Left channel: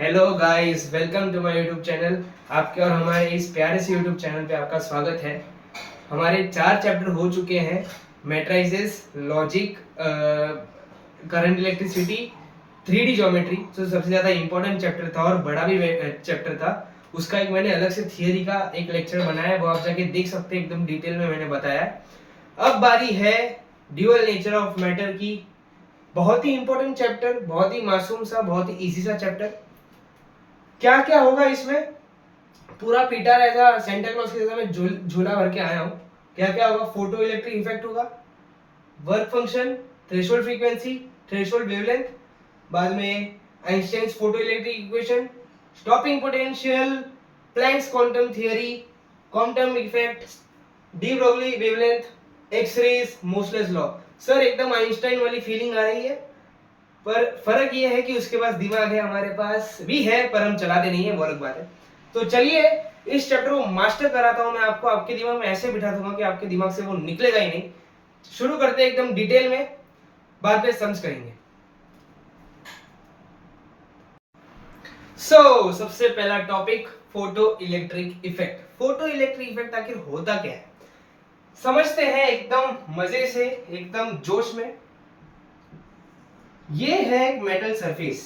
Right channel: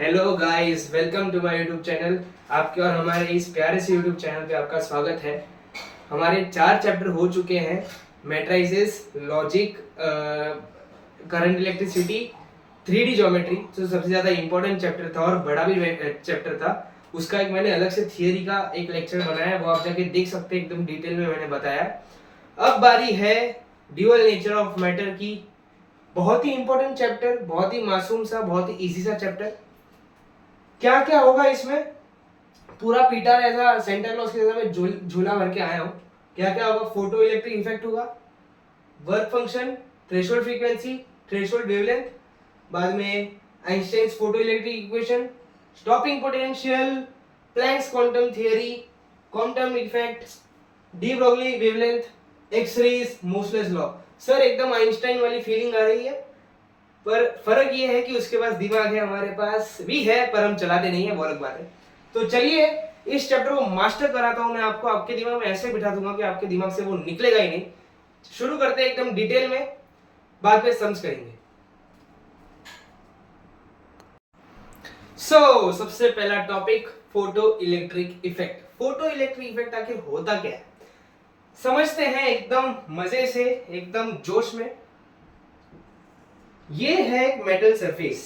Hello guys, welcome to my YouTube channel. आपके और हमारे इस प्यारे से यूट्यूब चैनल पे आपका स्वागत है। हमारे 4 चैप्टर हो चुके हैं। Matrices, logic, current electricity, 3D geometry जो सबसे ज़्यादा इंपॉर्टेंट चैप्टर था और बड़ा भी चैप्टर था। उसका एक मैंने अलग से थियरी का एक लेक्चर बनाया है, वो आप जाके देख सकते हैं, एकदम डिटेल में मैंने बताया है। अब बारी है ड्यूअल नेचर ऑफ मैटर की। बहुत ही इंपॉर्टेंट चैप्टर, बहुत ही मासूम सा, बहुत ही इजी सा चैप्टर। क्या क्या होगा इसमें, पूरा पीटा रहेगा सेंटा क्लॉज के जैसा मैं झूला भर के आया हूँ। क्या क्या होगा, फोटो इलेक्ट्रिक इफेक्ट होगा, work function, threshold frequency, threshold wavelength, बाद में Einstein's photo electric equation, stopping potential, Planck's quantum theory, quantum effect, de Broglie wavelength, X rays, motionless law. Sir एकदम आइंस्टाइन वाली फीलिंग आ रही है, पर फर्क ये है कि उसके पास दिमाग है, हमारे पास भी है, पर हम चलाते नहीं है, वो अलग बात है। तो चलिए इस चैप्टर को मास्टर कराता हूं मैं आपको। आपके दिमाग में ऐसे बिठा दूंगा कि आपके दिमाग से वो निकलेगा ही नहीं। शुरू करते हैं एकदम डिटेल में, बाद में समझ करेंगे। सबसे पहला topic, photo electric effect. Photo electric effect आखिर होता क्या है, समझते हैं एकदम मजे से, एकदम जोश में। ये है एक मेटल सरफेस।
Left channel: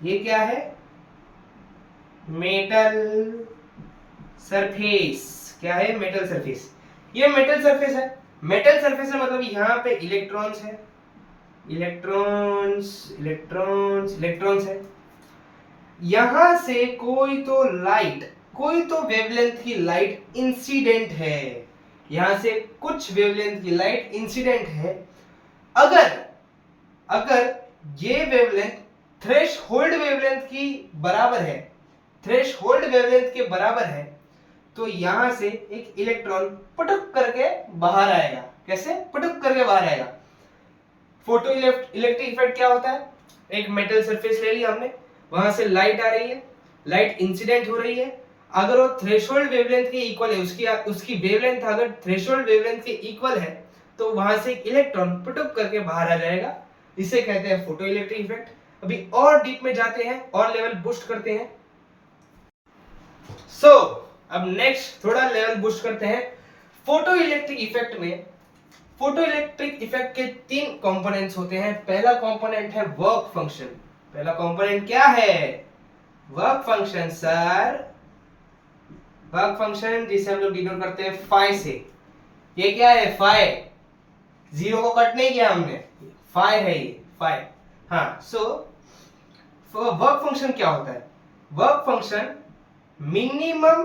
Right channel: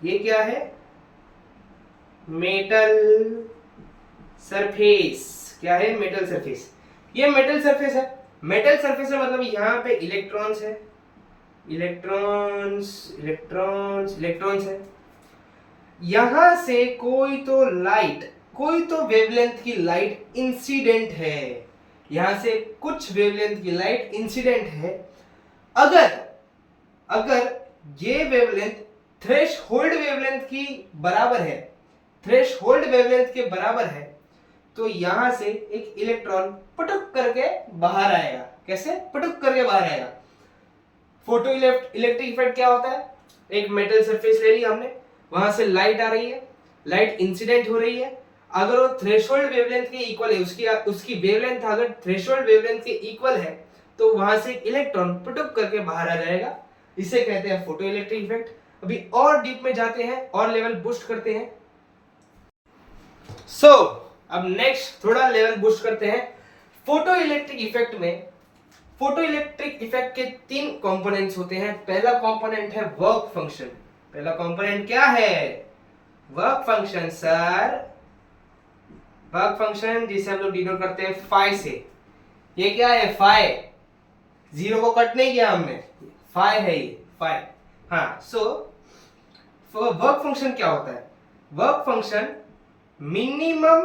ये क्या है? Metal surface. क्या है? Metal surface. ये मेटल सरफेस है। मेटल सरफेस है मतलब यहाँ पे इलेक्ट्रॉन्स है, इलेक्ट्रॉन्स इलेक्ट्रॉन्स इलेक्ट्रॉन्स है। यहां से कोई तो लाइट, कोई तो वेवलेंथ की लाइट इंसिडेंट है। यहां से कुछ वेवलेंथ की लाइट इंसिडेंट है। अगर अगर ये वेवलेंथ थ्रेशोल्ड वेवलेंथ की बराबर है, थ्रेशोल्ड वेवलेंथ के बराबर है, तो यहां से एक इलेक्ट्रॉन पटक करके बाहर आएगा। कैसे पटक करके बाहर आएगा? फोटो इलेक्ट्रिक इफेक्ट क्या होता है? एक मेटल सरफेस ले लिया हमने, वहां से लाइट आ रही है, लाइट इंसिडेंट हो रही है। अगर वो थ्रेशोल्ड वेवलेंथ के इक्वल है, उसकी वेवलेंथ अगर थ्रेशोल्ड वेवलेंथ के इक्वल है, तो वहां से एक इलेक्ट्रॉन पटक करके बाहर आ जाएगा। इसे कहते हैं फोटो इलेक्ट्रिक इफेक्ट। अभी और डीप में जाते हैं और लेवल बूस्ट करते हैं। अब नेक्स्ट थोड़ा लेवल बूस्ट करते हैं। फोटो इलेक्ट्रिक इफेक्ट में, फोटो इलेक्ट्रिक इफेक्ट के 3 कंपोनेंट्स होते हैं। पहला कंपोनेंट है वर्क फंक्शन। पहला कंपोनेंट क्या है? Work function sir. Work function जिसे हम लोग डिनोट करते हैं फाई से। ये क्या है? फाई। जीरो को कट नहीं किया हमने, फाई है ये, फाई। हाँ, वर्क फंक्शन क्या होता है? वर्क फंक्शन मिनिमम,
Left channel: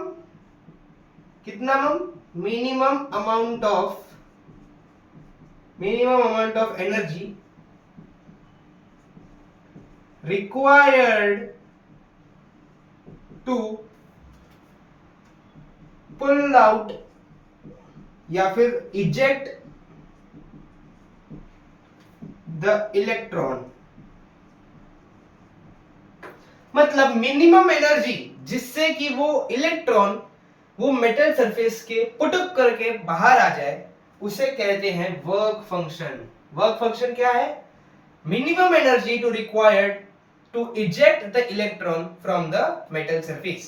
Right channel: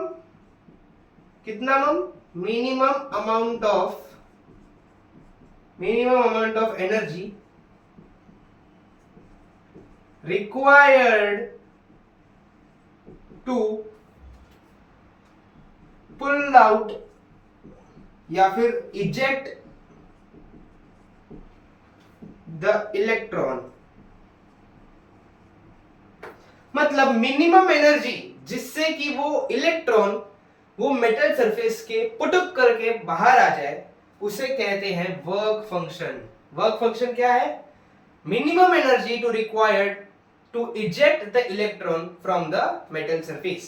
कितना minimum amount of energy required to pull out या फिर eject the electron। मतलब मिनिमम एनर्जी जिससे कि वो इलेक्ट्रॉन वो मेटल सरफेस के पुटअप करके बाहर आ जाए, उसे कहते हैं वर्क फंक्शन। वर्क फंक्शन क्या है? Minimum energy to required to eject the electron from the metal surface।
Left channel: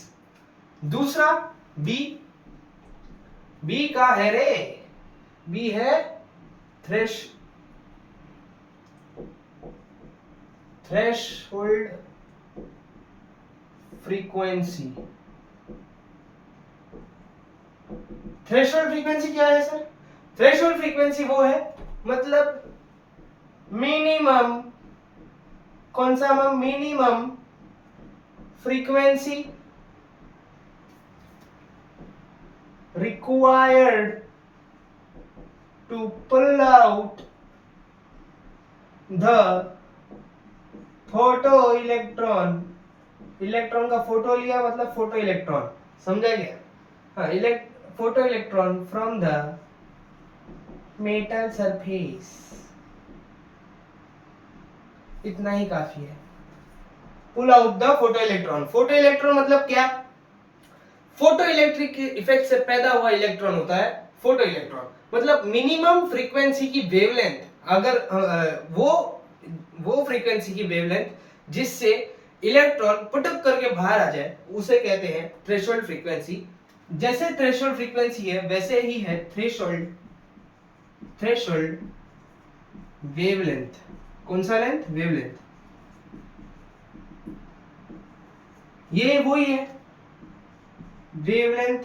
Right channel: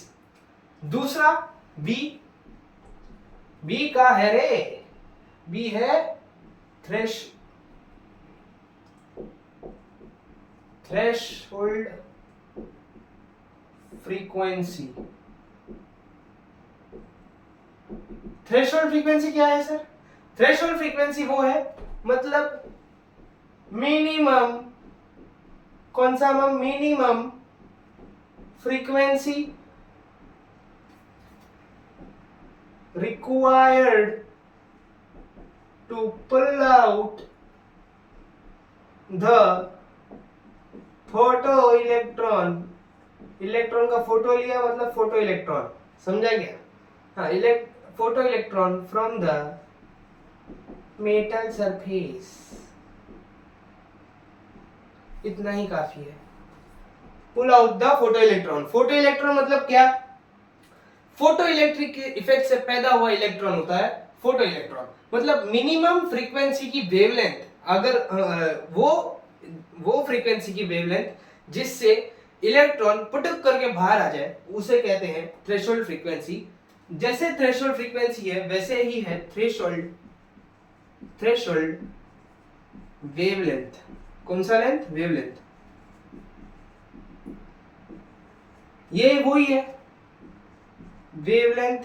दूसरा B। B का है रे, B है थ्रेशोल्ड फ्रीक्वेंसी। थ्रेशोल्ड फ्रीक्वेंसी क्या है सर? थ्रेशोल्ड फ्रीक्वेंसी वो है, मतलब मिनिमम, कौन सा minimum frequency required to pull out the photo electron। Electron का फोटो लिया मतलब फोटो इलेक्ट्रॉन, समझा गया? हाँ, photo electron from the metal surface. इतना ही काफी है। Pull out the photo electron. Photo electron मतलब क्या? फोटो इलेक्ट्रिक इफेक्ट से पैदा हुआ इलेक्ट्रॉन होता है फोटो इलेक्ट्रॉन। मतलब मिनिमम फ्रीक्वेंसी की वेवलेंथ, अगर वो फ्रीक्वेंसी की वेवलेंथ जिससे इलेक्ट्रॉन पुटक करके बाहर आ जाए उसे कहते हैं थ्रेशोल्ड फ्रीक्वेंसी। जैसे थ्रेशोल्ड फ्रीक्वेंसी है वैसे ही है थ्रेशोल्ड वेवलेंथ। कौन सा लेंथ? वेवलेंथ। ये वही है wavelength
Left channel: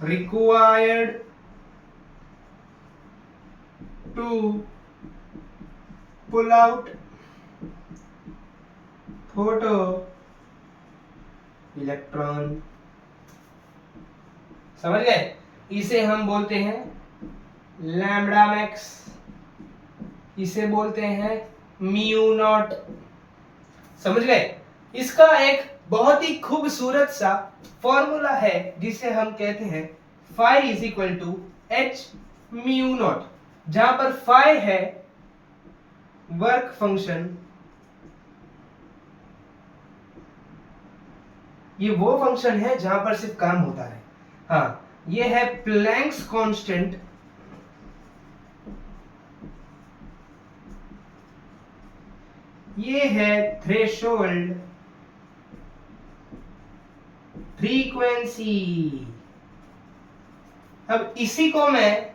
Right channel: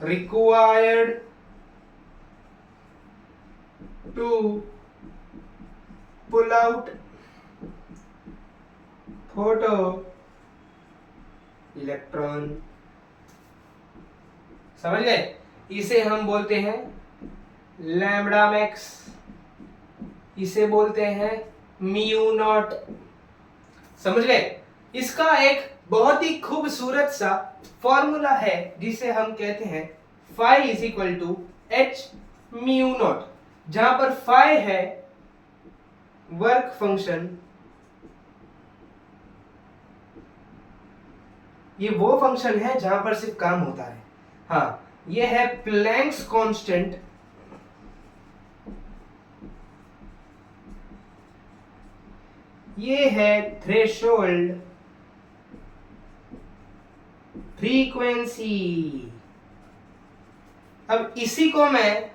required to pull out photo electron। समझ गए? इसे हम बोलते हैं लैम्बडा मैक्स, इसे बोलते हैं म्यू नॉट। समझ गए? इसका एक बहुत ही खूबसूरत सा फॉर्मूला है जिसे हम कहते हैं phi is equal to h mu naught, जहां पर फाई है वर्क फंक्शन, ये वो फंक्शन है जहां पर सिर्फ काम होता है। हाँ, ये है प्लैंक्स कांस्टेंट, ये है थ्रेशोल्ड फ्रीक्वेंसी। अब इसी को मैं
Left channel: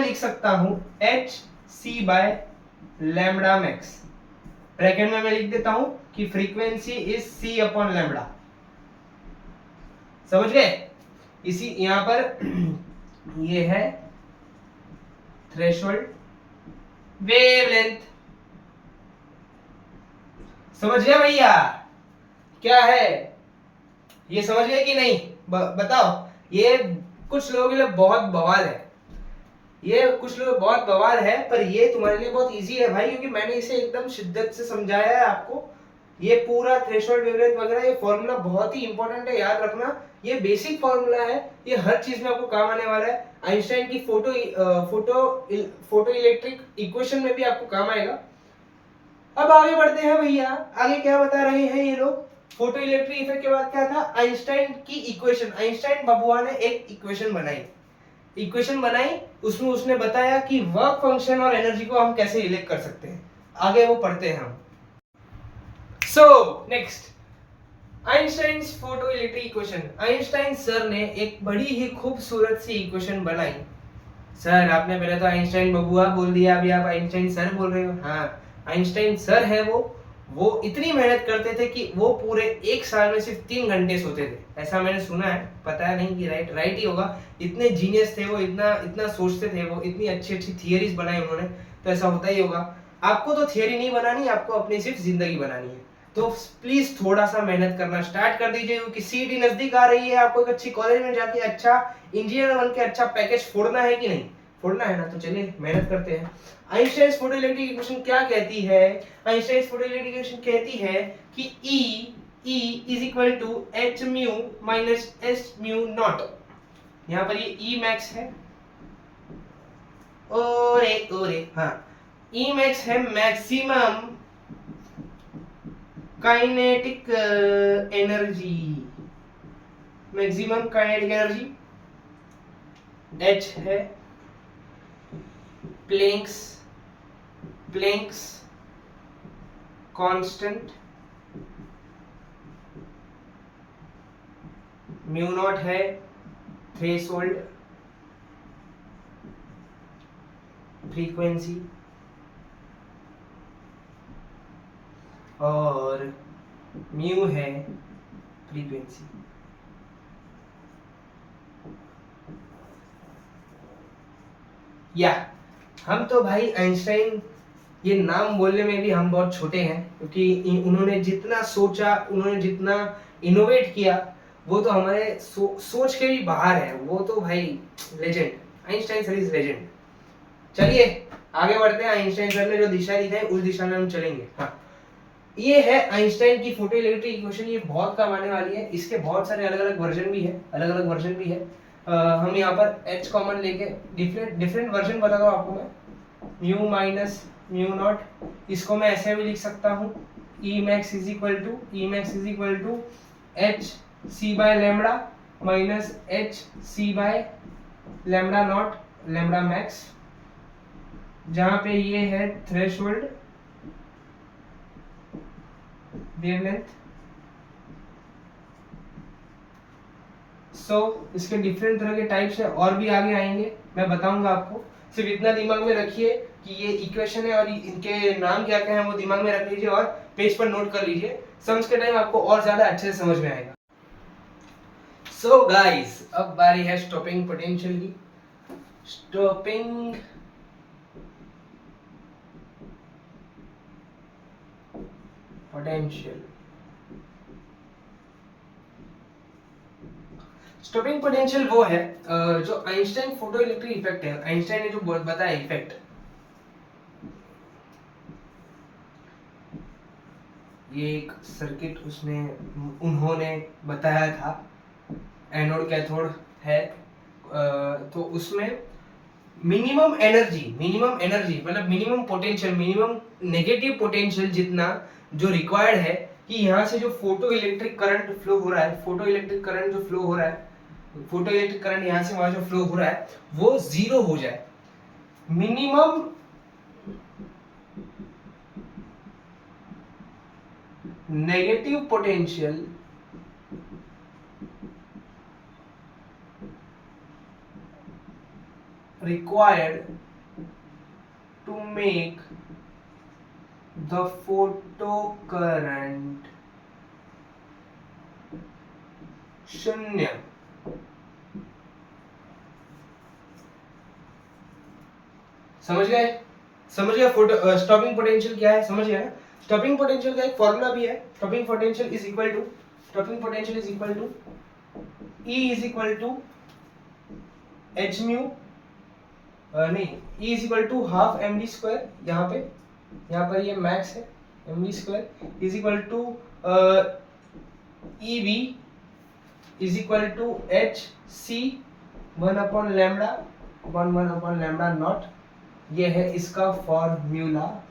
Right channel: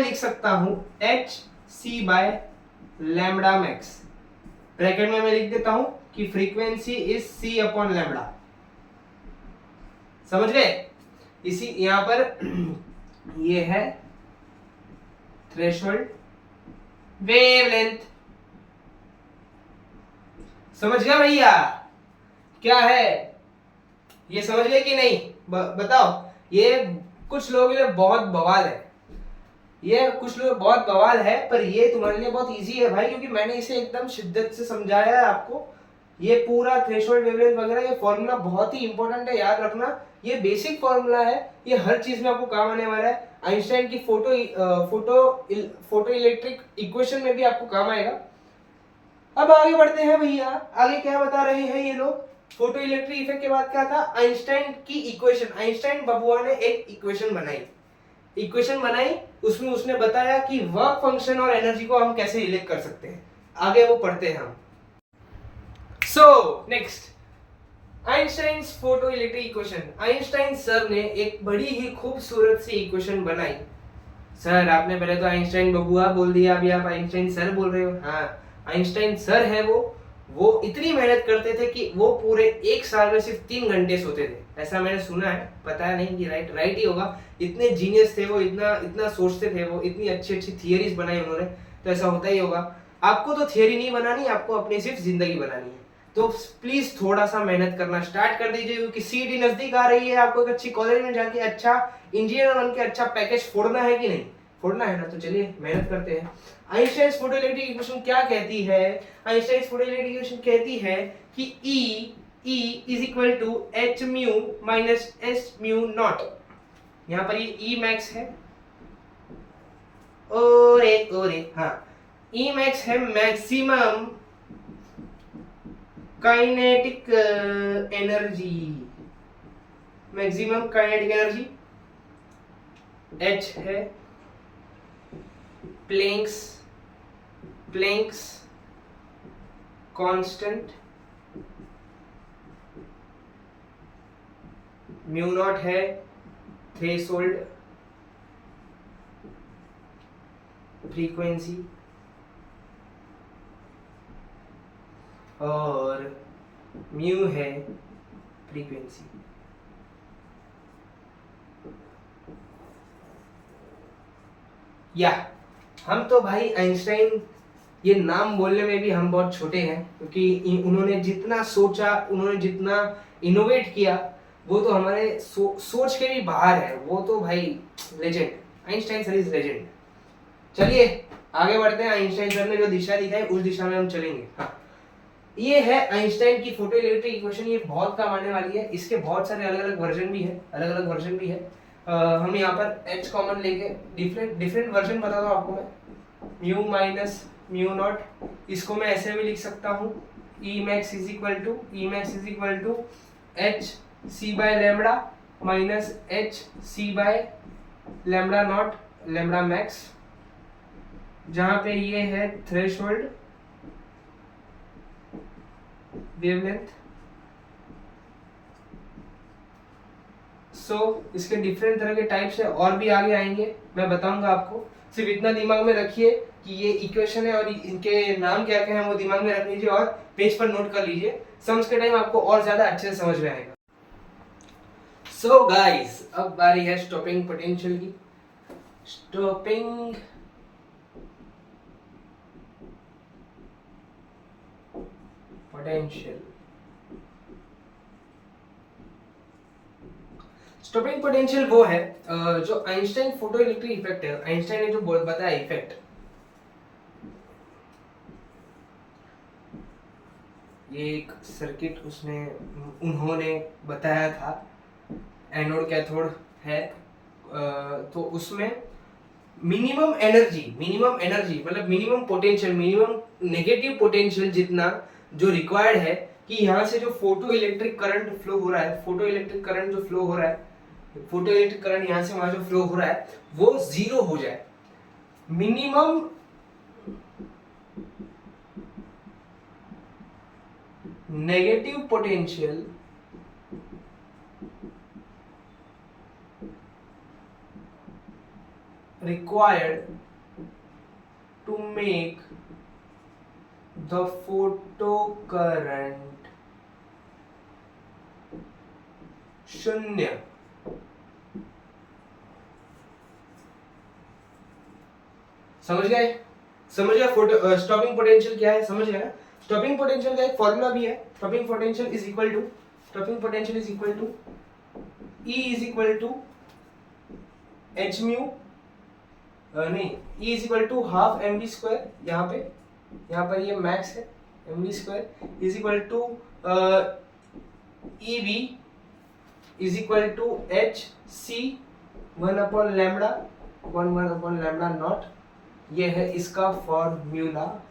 लिख सकता हूं h C by lambda max. Bracket में मैं लिख देता हूं कि frequency is c upon lambda. समझ गए? इसी यहां पर ये है थ्रेशोल्ड वेवलेंथ। समझ गया भैया? क्या है ये, समझ गए कि नहीं? बताओ। ये कुछ लोगों के लिए बहुत बवाल है, पर ये तुम्हारे लिए बहुत इजी है भाई, क्योंकि मैंने इसे एकदम शिद्दत से समझाया है आपको। ये पूरा थ्रेशोल्ड वेवलेंथ वगैरह ये फॉर्मूला बहुत ही इंपॉर्टेंट है, याद रखना। ये बेसिक फॉर्मूला है, ये हर चीज में आपको काम आने वाला है। आइंस्टाइन की फोटो इलेक्ट्रिक इक्वेशन में भी आपको काम आएगा। अब आगे बढ़ते हैं भैया। आगे क्या बता रहे हैं ये लोग? फोटो इलेक्ट्रिक इफेक्ट के बाद क्या था? आइंस्टाइन की इक्वेशन। आइंस्टाइन बबुआ ने एक इक्वेशन बनाई, उसमें उसने बताया कि वर्क फंक्शन और एनर्जी को हम कैसे रिलेट कर सकते हैं। आगे वो पढ़ते हैं हम। So next, Einstein photo electric equation. Einstein sir ने एक बड़ी ही खूबसूरत सी इक्वेशन बनाई। सर आपने पहले तो आइंस्टाइन बबुआ बोल दिया, अभी आप आइंस्टाइन सर बोल रहे हो। हाँ, आइंस्टाइन सर है वो इतनी मेहनत करते थे कि वो पूरे एक साल में सिर्फ 3 घंटे सोते थे, ऐसा मैंने सुना है, पता है नहीं कि राइट ही होगा। इतने जीनियस थे वो, इतना सोचते थे वो, इतनी अच्छी थियरीज बनाई उन्होंने, तो ऐसा होता ही होगा। आपको तो थियरी नहीं बनानी, आपको अपनी सिर्फ जिंदगी बनानी है। तो प्लीज थोड़ा सा मेहनत करना स्टार्ट कर दीजिए, क्योंकि सीईटी नजदीक आ रही है। आपको एक अच्छी कॉलेज में जाके अच्छा इंजीनियर बन के अच्छा पैकेज फोड़ना है कि नहीं? फोड़ना है ना, तो चलिए मेहनत करते हैं। आइंस्टाइन फोटो इलेक्ट्रिक इक्वेशन क्या कहती है? आइंस्टाइन फोटो इलेक्ट्रिक इक्वेशन कहती है कि E is equal to h mu minus s mu naught. यहाँ पर ये E मैक्स है, ओरे हाँ, E मैक्स है maximum kinetic energy, maximum kinetic energy. H है प्लैंक्स कांस्टेंट, म्यू नॉट है थ्रेशोल्ड फ्रीक्वेंसी, और म्यू है फ्रीक्वेंसी। या हम तो भाई आइंस्टाइन, ये नाम बोलने में भी हम बहुत छोटे हैं, क्योंकि उन्होंने जितना सोचा, उन्होंने जितना इनोवेट किया, वो तो हमारे सोच के भी बाहर है। वो तो भाई legend, Einstein sir is legend. चलिए आगे बढ़ते हैं। आइंस्टाइन सर ने जो दिशा दिखाई उस दिशा में हम चलेंगे। हाँ, ये है आइंस्टाइन की फोटो इलेक्ट्रिक इक्वेशन। ये बहुत काम आने वाली है, इसके बहुत सारे अलग अलग वर्जन भी है। हम यहाँ पर H कॉमन लेके डिफरेंट वर्जन बता दो आपको मैं। म्यू माइनस म्यू नॉट, इसको मैं ऐसे भी लिख सकता हूँ, E max is equal to H C by lambda minus H C by lambda naught lambda max, जहाँ पे ये है थ्रेशोल्ड वेवलेंथ। सो इसके डिफरेंट तरह के टाइप्स है, और भी आगे आएंगे, मैं बताऊंगा आपको। सिर्फ इतना दिमाग में रखिए कि ये इक्वेशन है और इनके नाम क्या क्या है वो दिमाग में रख लीजिए और पेज पर नोट कर लीजिए। सम्स के टाइम आपको और ज्यादा अच्छे से समझ में आएगा। सो गाइस, अब बारी है स्टॉपिंग पोटेंशियल की। स्टॉपिंग पोटेंशियल, स्टॉपिंग पोटेंशियल वो है जो आइंस्टाइन फोटो इलेक्ट्रिक इफेक्ट है। आइंस्टाइन ने जो बताया इफेक्ट, ये एक सर्किट उन्होंने बताया था, एनोड कैथोड है। तो उसमें मिनिमम एनर्जी मतलब minimum potential, minimum negative potential जितना जो रिक्वायर्ड है कि यहाँ से जो फोटो इलेक्ट्रिक करंट फ्लो हो रहा है, फोटो इलेक्ट्रिक करंट जो फ्लो हो रहा है, फोटो इलेक्ट्रिक करंट यहाँ से वहां जो फ्लो हो रहा है वो जीरो हो जाए। Minimum negative potential required to make the photo current शून्य। समझ गए? फोटो स्टॉपिंग पोटेंशियल क्या है, समझ गए? स्टॉपिंग पोटेंशियल का एक फॉर्मूला भी है। Stopping potential is equal to E is equal to h mu, नहीं, E is equal to half m b square, यहाँ पर ये मैक्स है, m b square is equal to e b is equal to H c 1/λ naught. ये है इसका formula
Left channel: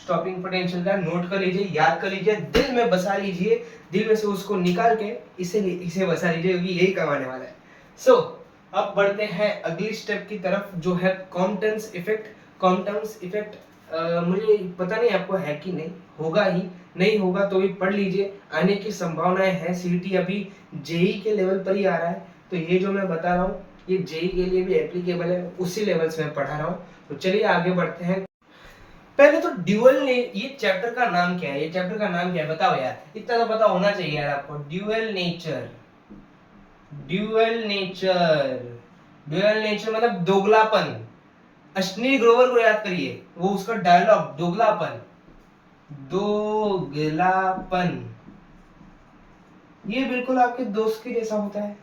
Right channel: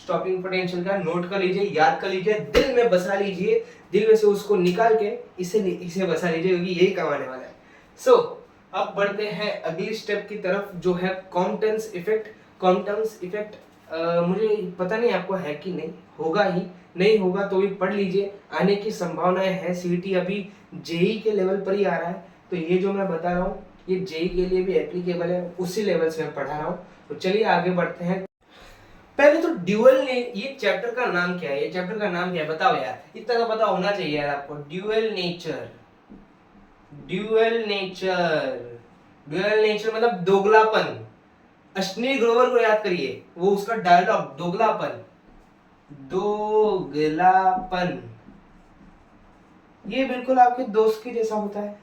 stopping potential का। Note कर लीजिए, याद कर लीजिए, दिल में बसा लीजिए, दिल में से उसको निकाल के इसे बसा लीजिए, क्योंकि यही कमाने वाला है। सो अब बढ़ते हैं अगली स्टेप की तरफ, जो है कॉम्पटन्स इफेक्ट। मुझे पता नहीं आपको है कि नहीं, होगा ही, नहीं होगा तो भी पढ़ लीजिए, आने की संभावनाएं है। सीईटी अभी जेई के लेवल पर ही आ रहा है, तो ये जो मैं बता रहा हूँ ये जेई के लिए भी एप्लीकेबल है, उसी लेवल से मैं पढ़ा रहा हूँ। तो चलिए आगे बढ़ते हैं। पहले तो ड्यूअल ने, ये चैप्टर का नाम क्या है, बताओ यार, इतना तो पता होना चाहिए यार आपको। ड्यूअल नेचर मतलब दोगलापन। अश्विनी ग्रोवर को याद करिए, वो उसका डायलॉग दोगलापन, ये बिल्कुल आपके दोस्त के जैसा होता है,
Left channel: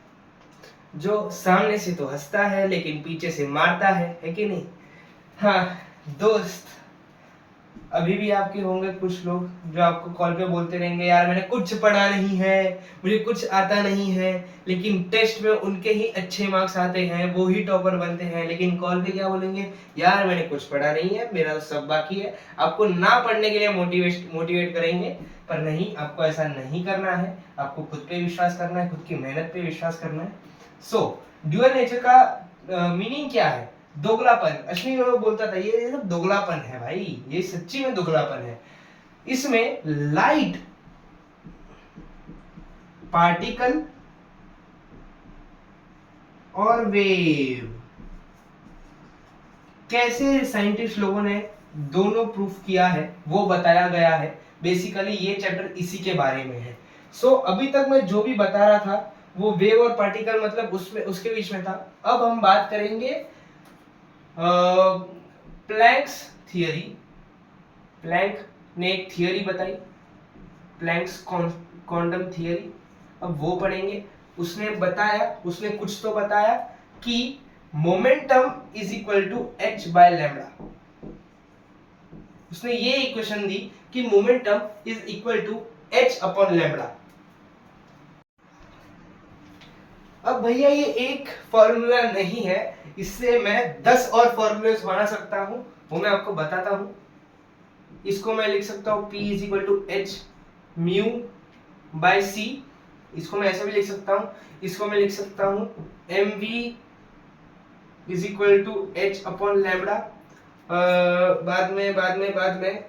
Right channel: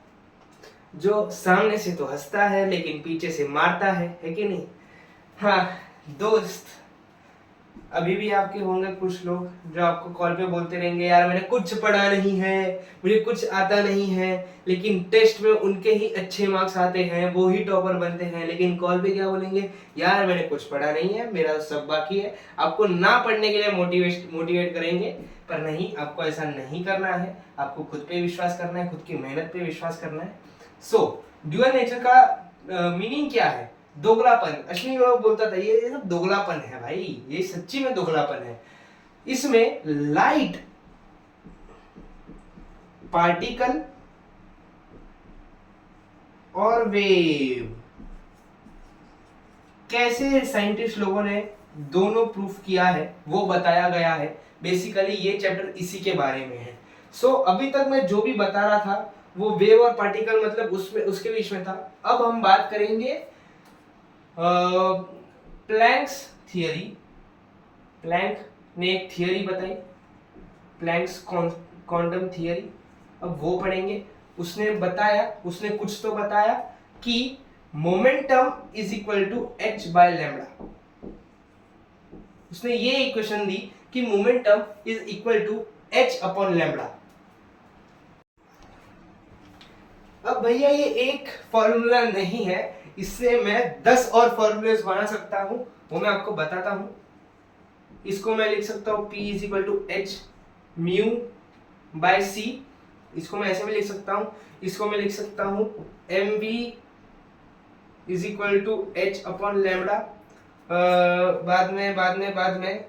जो सामने से तो हंसता है लेकिन पीछे से मारता है कि नहीं? हाँ दोस्त, अभी भी आपके होंगे कुछ लोग जो आपको कॉल पे बोलते रहेंगे, यार मैंने कुछ पढ़ा नहीं है, मुझे कुछ आता नहीं है, लेकिन टेस्ट में उनके ही अच्छे मार्क्स आते हैं, वो ही टॉपर बनते हैं, लेकिन कॉल पे क्या बोलेंगे, यार मैंने कुछ पढ़ा नहीं है, मेरा तो सब बाकी है। आपको ना पढ़ने के लिए मोटिवेट करेंगे, पर नहीं, आपको ऐसा नहीं करना है। आपको खुद पे विश्वास करना है, खुद की मेहनत पे विश्वास करना है। सो ड्यूअल नेचर का मीनिंग क्या है? दोगलापन। अश्विनी ग्रोवर बोलता था ये सब दोगलापन है भाई, ये सच्ची में दोगलापन है। इसमें लाइट पार्टिकल और वेव, कैसे साइंटिस्ट लोगों ने दोनों प्रूफ किया है वो बताया गया है। बेसिकली ये चैप्टर इसी के बारे में है। सो अभी तक मैं जो भी बता रहा था वो वेव और पार्टिकल मतलब उसके बीच में था। अब हम बात करेंगे प्लैंक्स थियरी। प्लैंक ने एक थियरी बताई, प्लैंक्स क्वांटम थियरी। अब वो पढ़ेंगे। उसने कुछ तो बताया कि momentum is equal to h by lambda. उसने ये इक्वेशन दी कि momentum is equal to h upon lambda. अब भैया ये एक फॉर्मूला नहीं है, इससे मैं 10 और फॉर्मूलेस बना सकता हूं, वो मैं आपको बताता हूं। इसको मैं लिख सकता हूं P is equal to h mu by c, इसको मैं ऐसे भी लिख सकता हूं। इसको मैं लिख सकता हूं mv is equal to h upon lambda. बाद में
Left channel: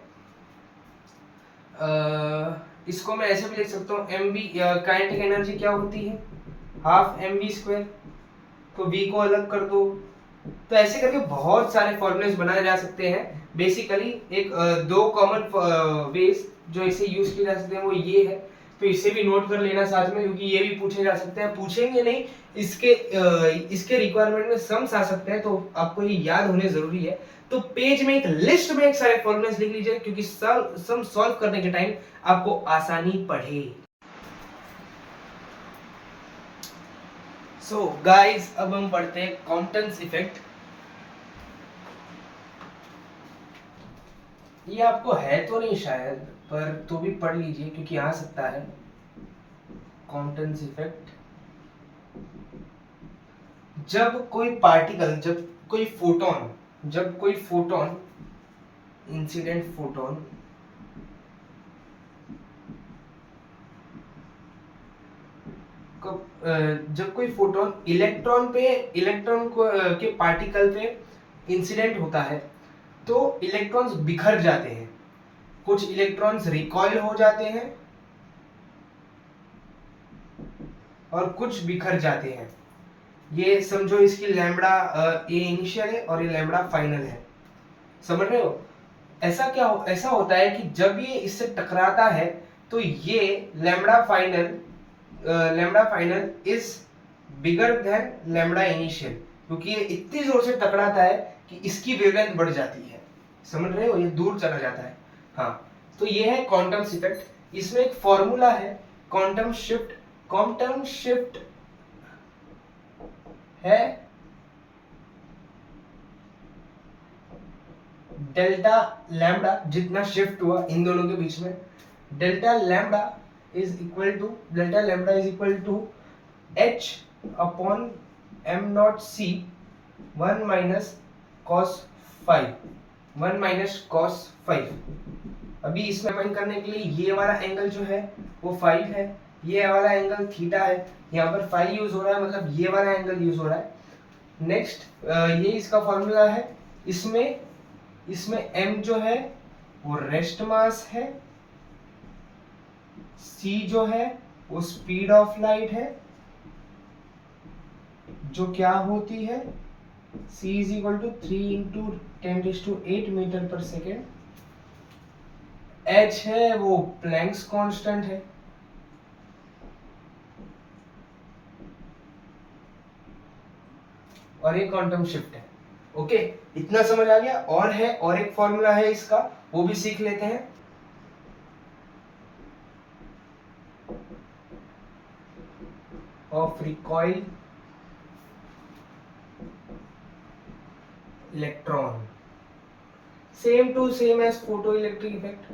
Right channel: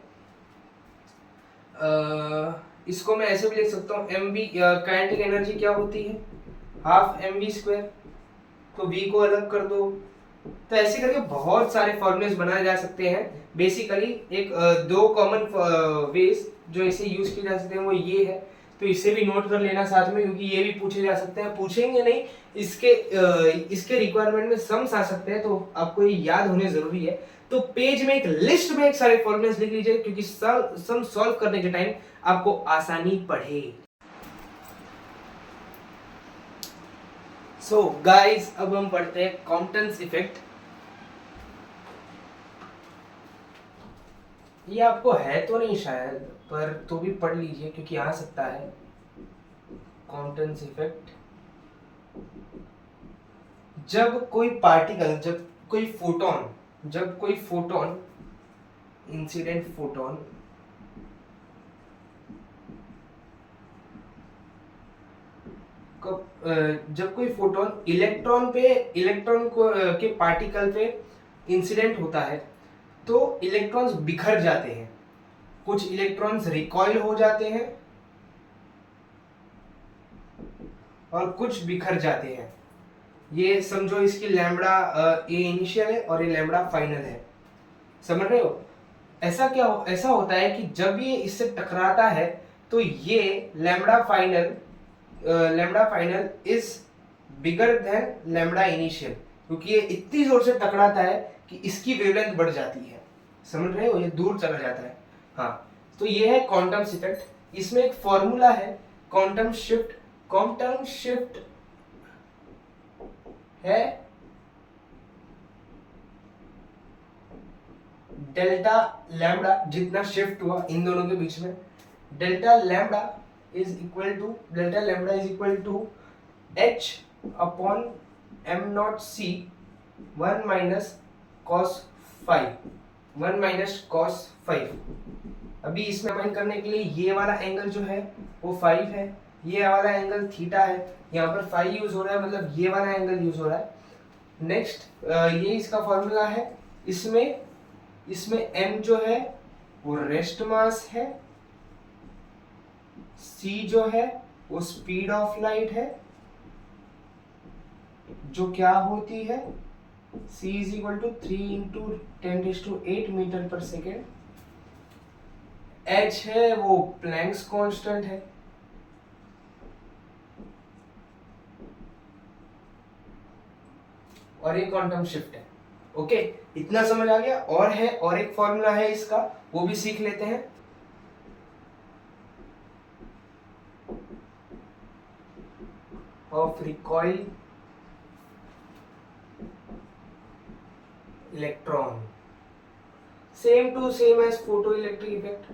इसको मैं ऐसे भी लिख सकता हूँ, एम वी काइनेटिक एनर्जी क्या होती है, हाफ एम वी स्क्वायर, तो v को अलग कर दो। तो ऐसे करके बहुत सारे फॉर्मूलेस बनाए जा सकते हैं। बेसिकली एक दो कॉमन वेज जो इसे यूज किए जा सकते हैं वो ये है, तो इसे भी नोट कर लेना साथ में, क्योंकि ये भी पूछे जा सकते हैं, पूछेंगे नहीं, इसके रिक्वायरमेंट में सम्स आ सकते हैं, तो आपको ये याद होने जरूरी है। तो पेज में एक लिस्ट में एक सारे फॉर्मूलेस लिख लीजिए, क्योंकि सम सॉल्व करने के टाइम आपको आसानी पड़े। सो गाइस, अब हम पढ़ते हैं कॉम्पटन्स इफेक्ट। ये आपको है तो नहीं शायद, पर तो भी पढ़ लीजिए क्योंकि आ सकता है। कॉम्पटन्स इफेक्ट, जब कोई पार्टिकल, जब कोई फोटोन इंसिडेंट फोटोन जब कोई फोटोन इलेक्ट्रॉन को के पार्टिकल पे इंसिडेंट होता है, तो इलेक्ट्रॉन्स बिखर जाते हैं, कुछ इलेक्ट्रॉन्स रिकॉइल हो जाते हैं और कुछ बिखर जाते हैं। ये समझो, इसकी लैम्बडा ये इनिशियल है और ये लैम्बडा फाइनल है, समझ रहे हो। ऐसा होता है कि जब ये इससे टकराता है तो ये lambda final is bigger than lambda initial, क्योंकि ये इतनी जोर से टकराता है कि इसकी वेवलेंथ बढ़ जाती है, समझ रहे हो, ये दूर चला जाता है। हाँ, तो ये है क्वांटम इफेक्ट। इसमें एक फॉर्मूला है क्वांटम शिफ्ट है डेल्टा लैम्बडा, जितना शिफ्ट हुआ इन दोनों के बीच में, delta lambda is equal to h upon m naught c 1 minus cos 5। अभी इसमें फाइंड करने के लिए ये वाला एंगल जो है वो 5 है, ये वाला एंगल थीटा है, यहाँ पर 5 यूज हो रहा है, मतलब ये वाला एंगल यूज हो रहा है। नेक्स्ट ये इसका फॉर्मूला है। इसमें m जो है वो रेस्ट मास है, c जो है वो स्पीड ऑफ लाइट है, जो क्या होती है c is equal to 3 × 10⁸ metre per second. h है वो प्लैंक्स कांस्टेंट है, और ये क्वांटम शिफ्ट है। ओके, इतना समझ आ गया। और एक फॉर्मूला है इसका, वो भी सीख लेते हैं। Of recoil electron, same to same as photo electric effect.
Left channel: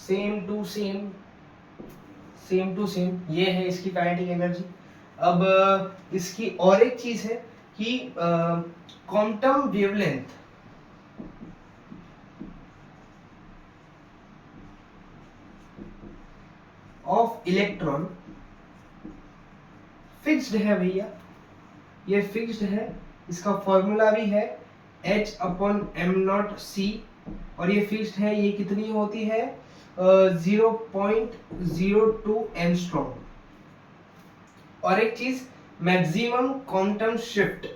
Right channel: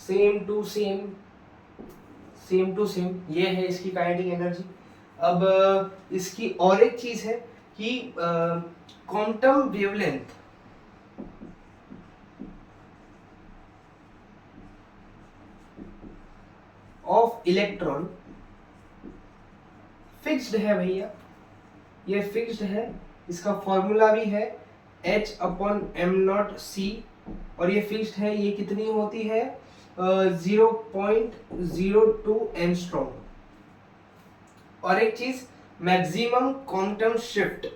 Same to same ये है इसकी काइनेटिक एनर्जी। अब इसकी और एक चीज है कि quantum wavelength of electron fixed है भैया, ये फिक्स्ड है। इसका फॉर्मूला भी है h upon m naught c, और ये फिक्स्ड है। ये कितनी होती है 0.02 एंगस्ट्रॉम। और एक चीज, मैक्सिमम क्वांटम शिफ्ट,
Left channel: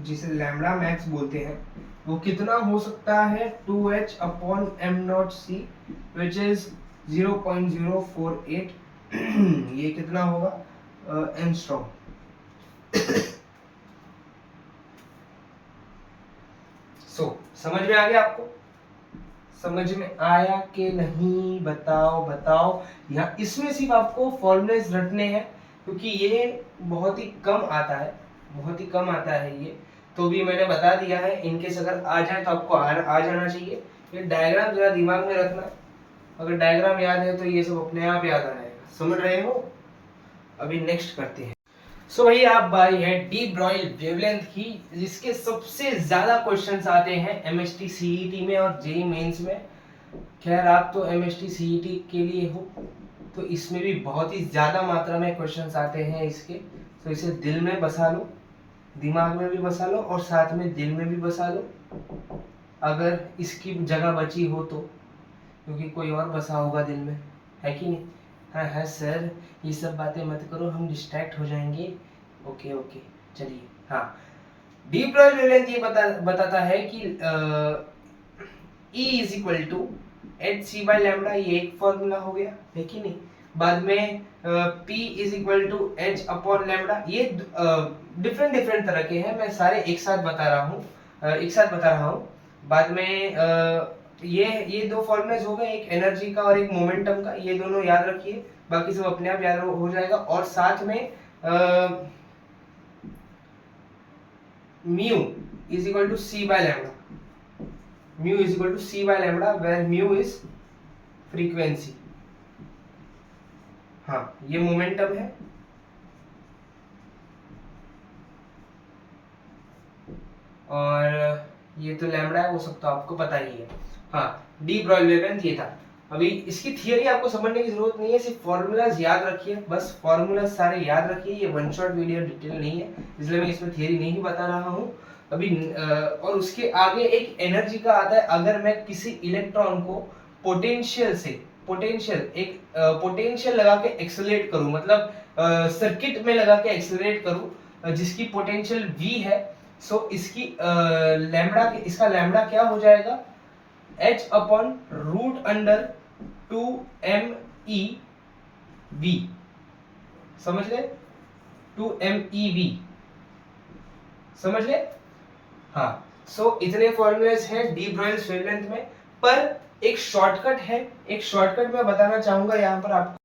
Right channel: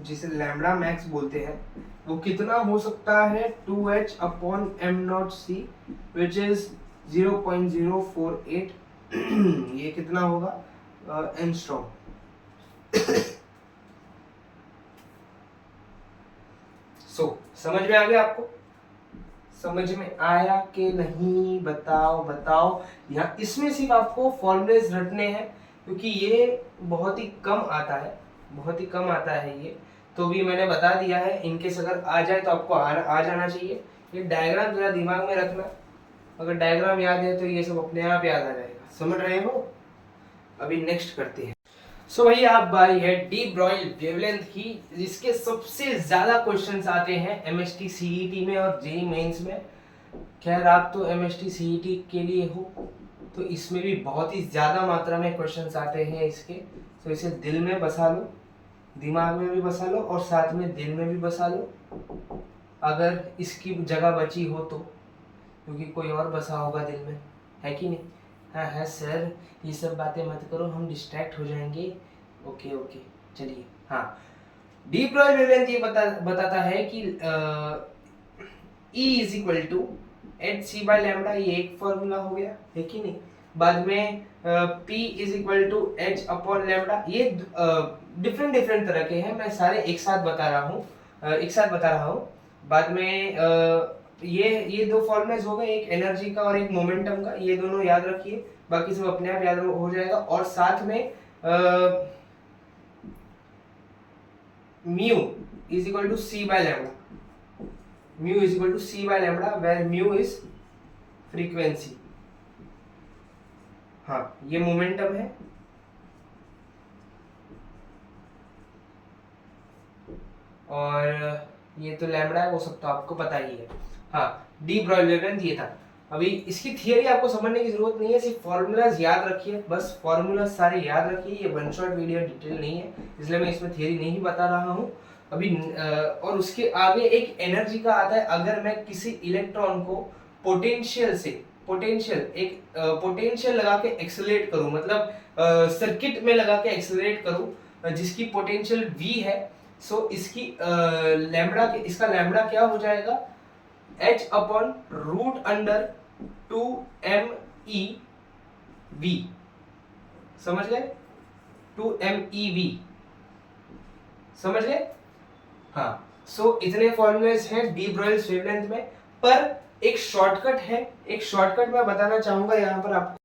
जिसे लैम्बडा मैक्स बोलते हैं, वो कितना हो सकता है 2h upon m naught c, which is 0.048। ये कितना होगा एंगस्ट्रॉम। समझ में आ गया आपको? समझ में आया कि नहीं? बताओ। यहाँ इसमें सिर्फ आपको फॉर्मूलेस रटने हैं, क्योंकि ये बहुत ही कम आता है ये, तो भी मैंने बता दिया है। इनकेस अगर आ जाए तो आपको आ जाना चाहिए। ये डायग्राम जरा दिमाग में रखना, अगर डायग्राम याद है तो ये सब अपने आप याद आ जाएगा। समझ रहे हो? अभी नेक्स्ट करते हैं। सो भाई आप बारी है डी ब्रॉयल वेवलेंथ की, जिसके सबसे ज्यादा क्वेश्चंस आते हैं एमएसटी सीईटी में और जेईई मेंस में। खैर आप तो एमएसटी सीईटी के लिए हो, तो इसमें भी बहुत ही ज़्यादा मात्रा में क्वेश्चंस आते हैं इसके, तो इसे दिल में बसा लो, दिमाग में भी बसा लो और साथ में दिल में भी बसा लो, अगर इसकी जगह बची हो तो, क्योंकि कोई और बसा होगा दिल में, है कि नहीं? हाँ हाँ सर, ये सब बातें मत करो, हम डिस्ट्रैक्ट हो जाएंगे। ओके ओके, चलिए। हाँ, डीप ब्रॉयल वेवलेंथ ये बताता है कि E is equal to H c by lambda, ये एक फॉर्मूला हो गया, है कि नहीं? बाद में P is equal to H upon lambda, ये डिफरेंट डिफरेंट तरह के हैं, मैं सारे एक साथ बता रहा हूँ। बाद में ये दो फॉर्मूलेस हो गए, एक एनर्जी का और एक मोमेंटम का, ये दोनों याद रखिए, बाकी सब अपने आप याद हो जाएगा। और साथ में mu is equal to C by lambda, mu is equal to C by lambda, where mu is frequency. हाँ, ये मोमेंटम है, और ये तो लैम्बडा है, वो सब तो आपको पता ही है। हाँ, डी ब्रॉयल वेवलेंथ ये था। अभी इसकी थियरी आपको समझने की जरूरत नहीं है, सिर्फ फॉर्मूलाज याद रखिए, बस फॉर्मूलाज सारे याद रखिए, ये वन शॉट वीडियो डिटेल नहीं है, इसलिए मैं इसमें थियरी नहीं बता रहा हूँ अभी। और उसके आगे एक एनर्जी का आता है, अगर मैं किसी इलेक्ट्रॉन को पोटेंशियल लगा के एक्सेलरेट करूं, मतलब सर्किट में लगा के एक्सेलरेट करूं, जिसकी पोटेंशियल V है, सो इसकी इसका लैम्बडा क्या हो जाएगा, H upon root under 2MEV, समझ गए? 2MEV, समझ गए? हाँ, सो इतने फॉर्मूलेस हैं डी ब्रॉयल वेवलेंथ में, पर एक शॉर्टकट है, एक शॉर्टकट मैं बताना चाहूंगा यहाँ पर आपको।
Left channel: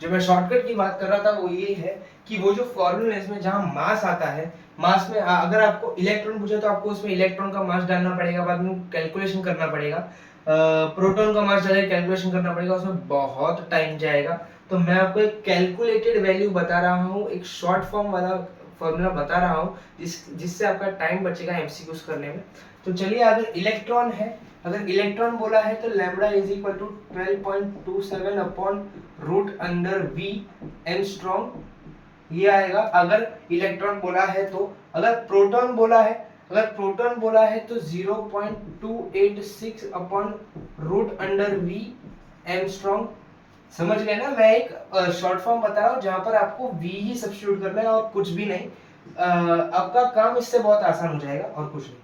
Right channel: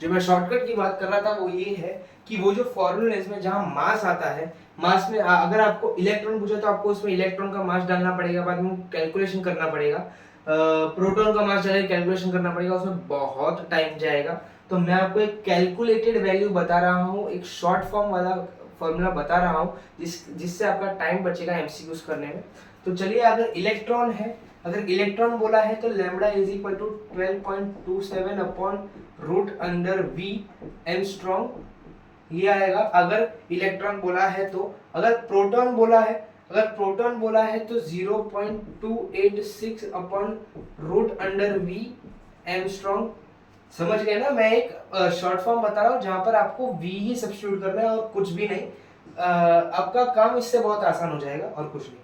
जो मैं शॉर्टकट की बात कर रहा था वो ये है कि वो जो फॉर्मूलेस में जहाँ मास आता है, मास में अगर आपको इलेक्ट्रॉन पूछे तो आपको उसमें इलेक्ट्रॉन का मास डालना पड़ेगा, बाद में कैलकुलेशन करना पड़ेगा, प्रोटॉन का मास डाले कैलकुलेशन करना पड़ेगा, उसमें बहुत टाइम जाएगा। तो मैं आपको एक कैलकुलेटेड वैल्यू बता रहा हूँ, एक शॉर्ट फॉर्म वाला फॉर्मूला बता रहा हूँ, जिससे आपका टाइम बचेगा एमसीक्यूज करने में। तो चलिए, अगर इलेक्ट्रॉन बोला है तो lambda is equal to 12.27 upon root under V angstrom, ये आएगा अगर इलेक्ट्रॉन बोला है तो। अगर प्रोटॉन बोला है तो 0.286 upon root under V angstrom. समझ गए ना? मैं एक शॉर्ट फॉर्म बता रहा हूँ जहां पर आपको V ही सब्स्टिट्यूट करना है और कुछ भी नहीं। आपका काम इससे बहुत आसान हो जाएगा और कुछ नहीं।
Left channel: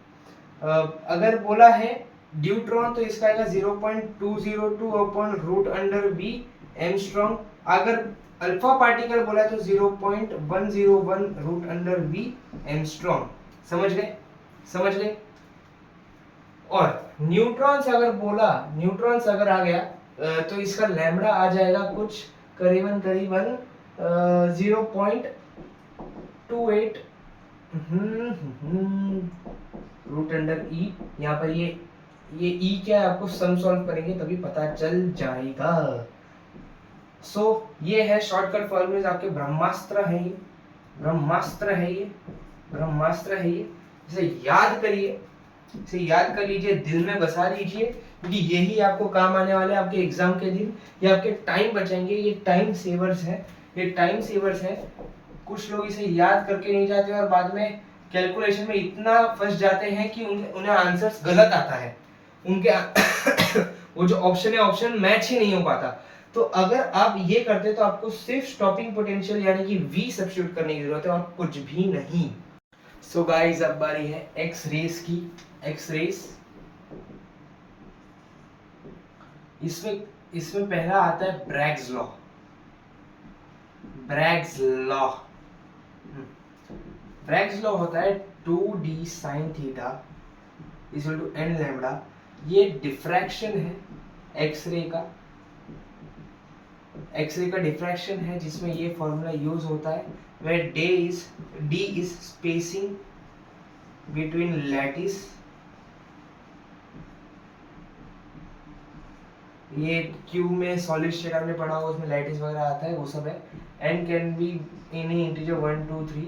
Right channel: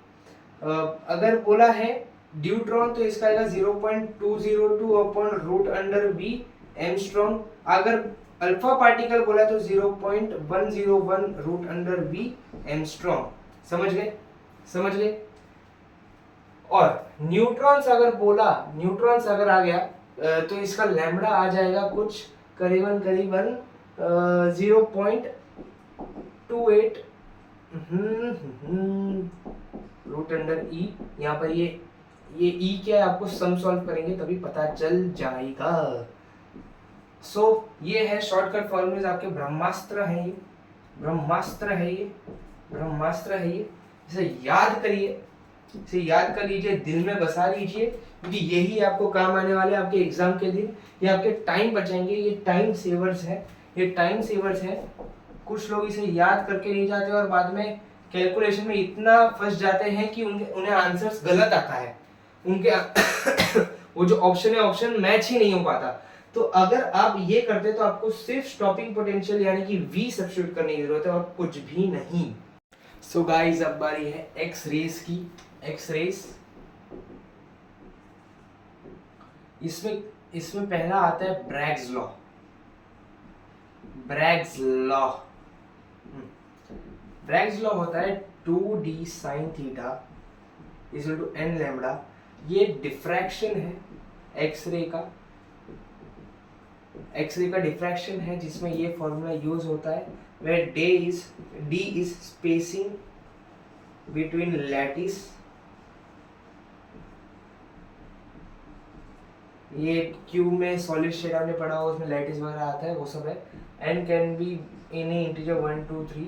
अगर बोला है ड्यूट्रॉन तो इसका आएगा 0.202 upon root under V angstrom. अगर अल्फा पार्टिकल बोला है तो 0.101 रूट अंडर V एंगस्ट्रॉम। समझ गए? और न्यूट्रॉन्स अगर आ गया तो इसका लैम्बडा आ जाएगा कुछ करीबन 0.28 रूट अंडर E। यहाँ पर ये E क्या है, आपको सम सॉल्व करेंगे तभी पता चल जाएगा। ये है शॉर्टकट फॉर्मूले, आपके ब्रह्मास्त्र है ये। इसे याद कर लीजिए, दिल में बसा लीजिए, क्योंकि यही आपको काम आने वाले हैं आपके एग्जाम के दिन। ये आपके टाइम बचाएंगे, ये टाइम सेवर्स है। कुछ लोग इसे याद करके नहीं जाते और बाद में कैलकुलेशन में इतना फंस जाते हैं कि उन्हें आंसर्स गलत आता है, उनके वो जो ऑप्शन मैच ही नहीं हो पाता। तो अगर आप ये करते तो आपको सिर्फ स्टॉपिंग पोटेंशियल यानी कि V सब्स्टिट्यूट करने की जरूरत है और कुछ भी नहीं। सो गाइस, अब बारी है एक्स रेस की। इसमें पहला आता है ब्रैग्स लॉ होता है 2d sin theta equal to n lambda. ये डिफ्रैक्शन है एक्सरे का डिफ्रैक्शन है, जिसमें ये फॉर्मूला यूज होता है, where d is spacing between lattice। ये क्यू में सॉलिड स्टेट आपने पढ़ा हो, उसमें लैटिस वगैरह आता है, वो सब है। n can be any integer 1 2 3 ...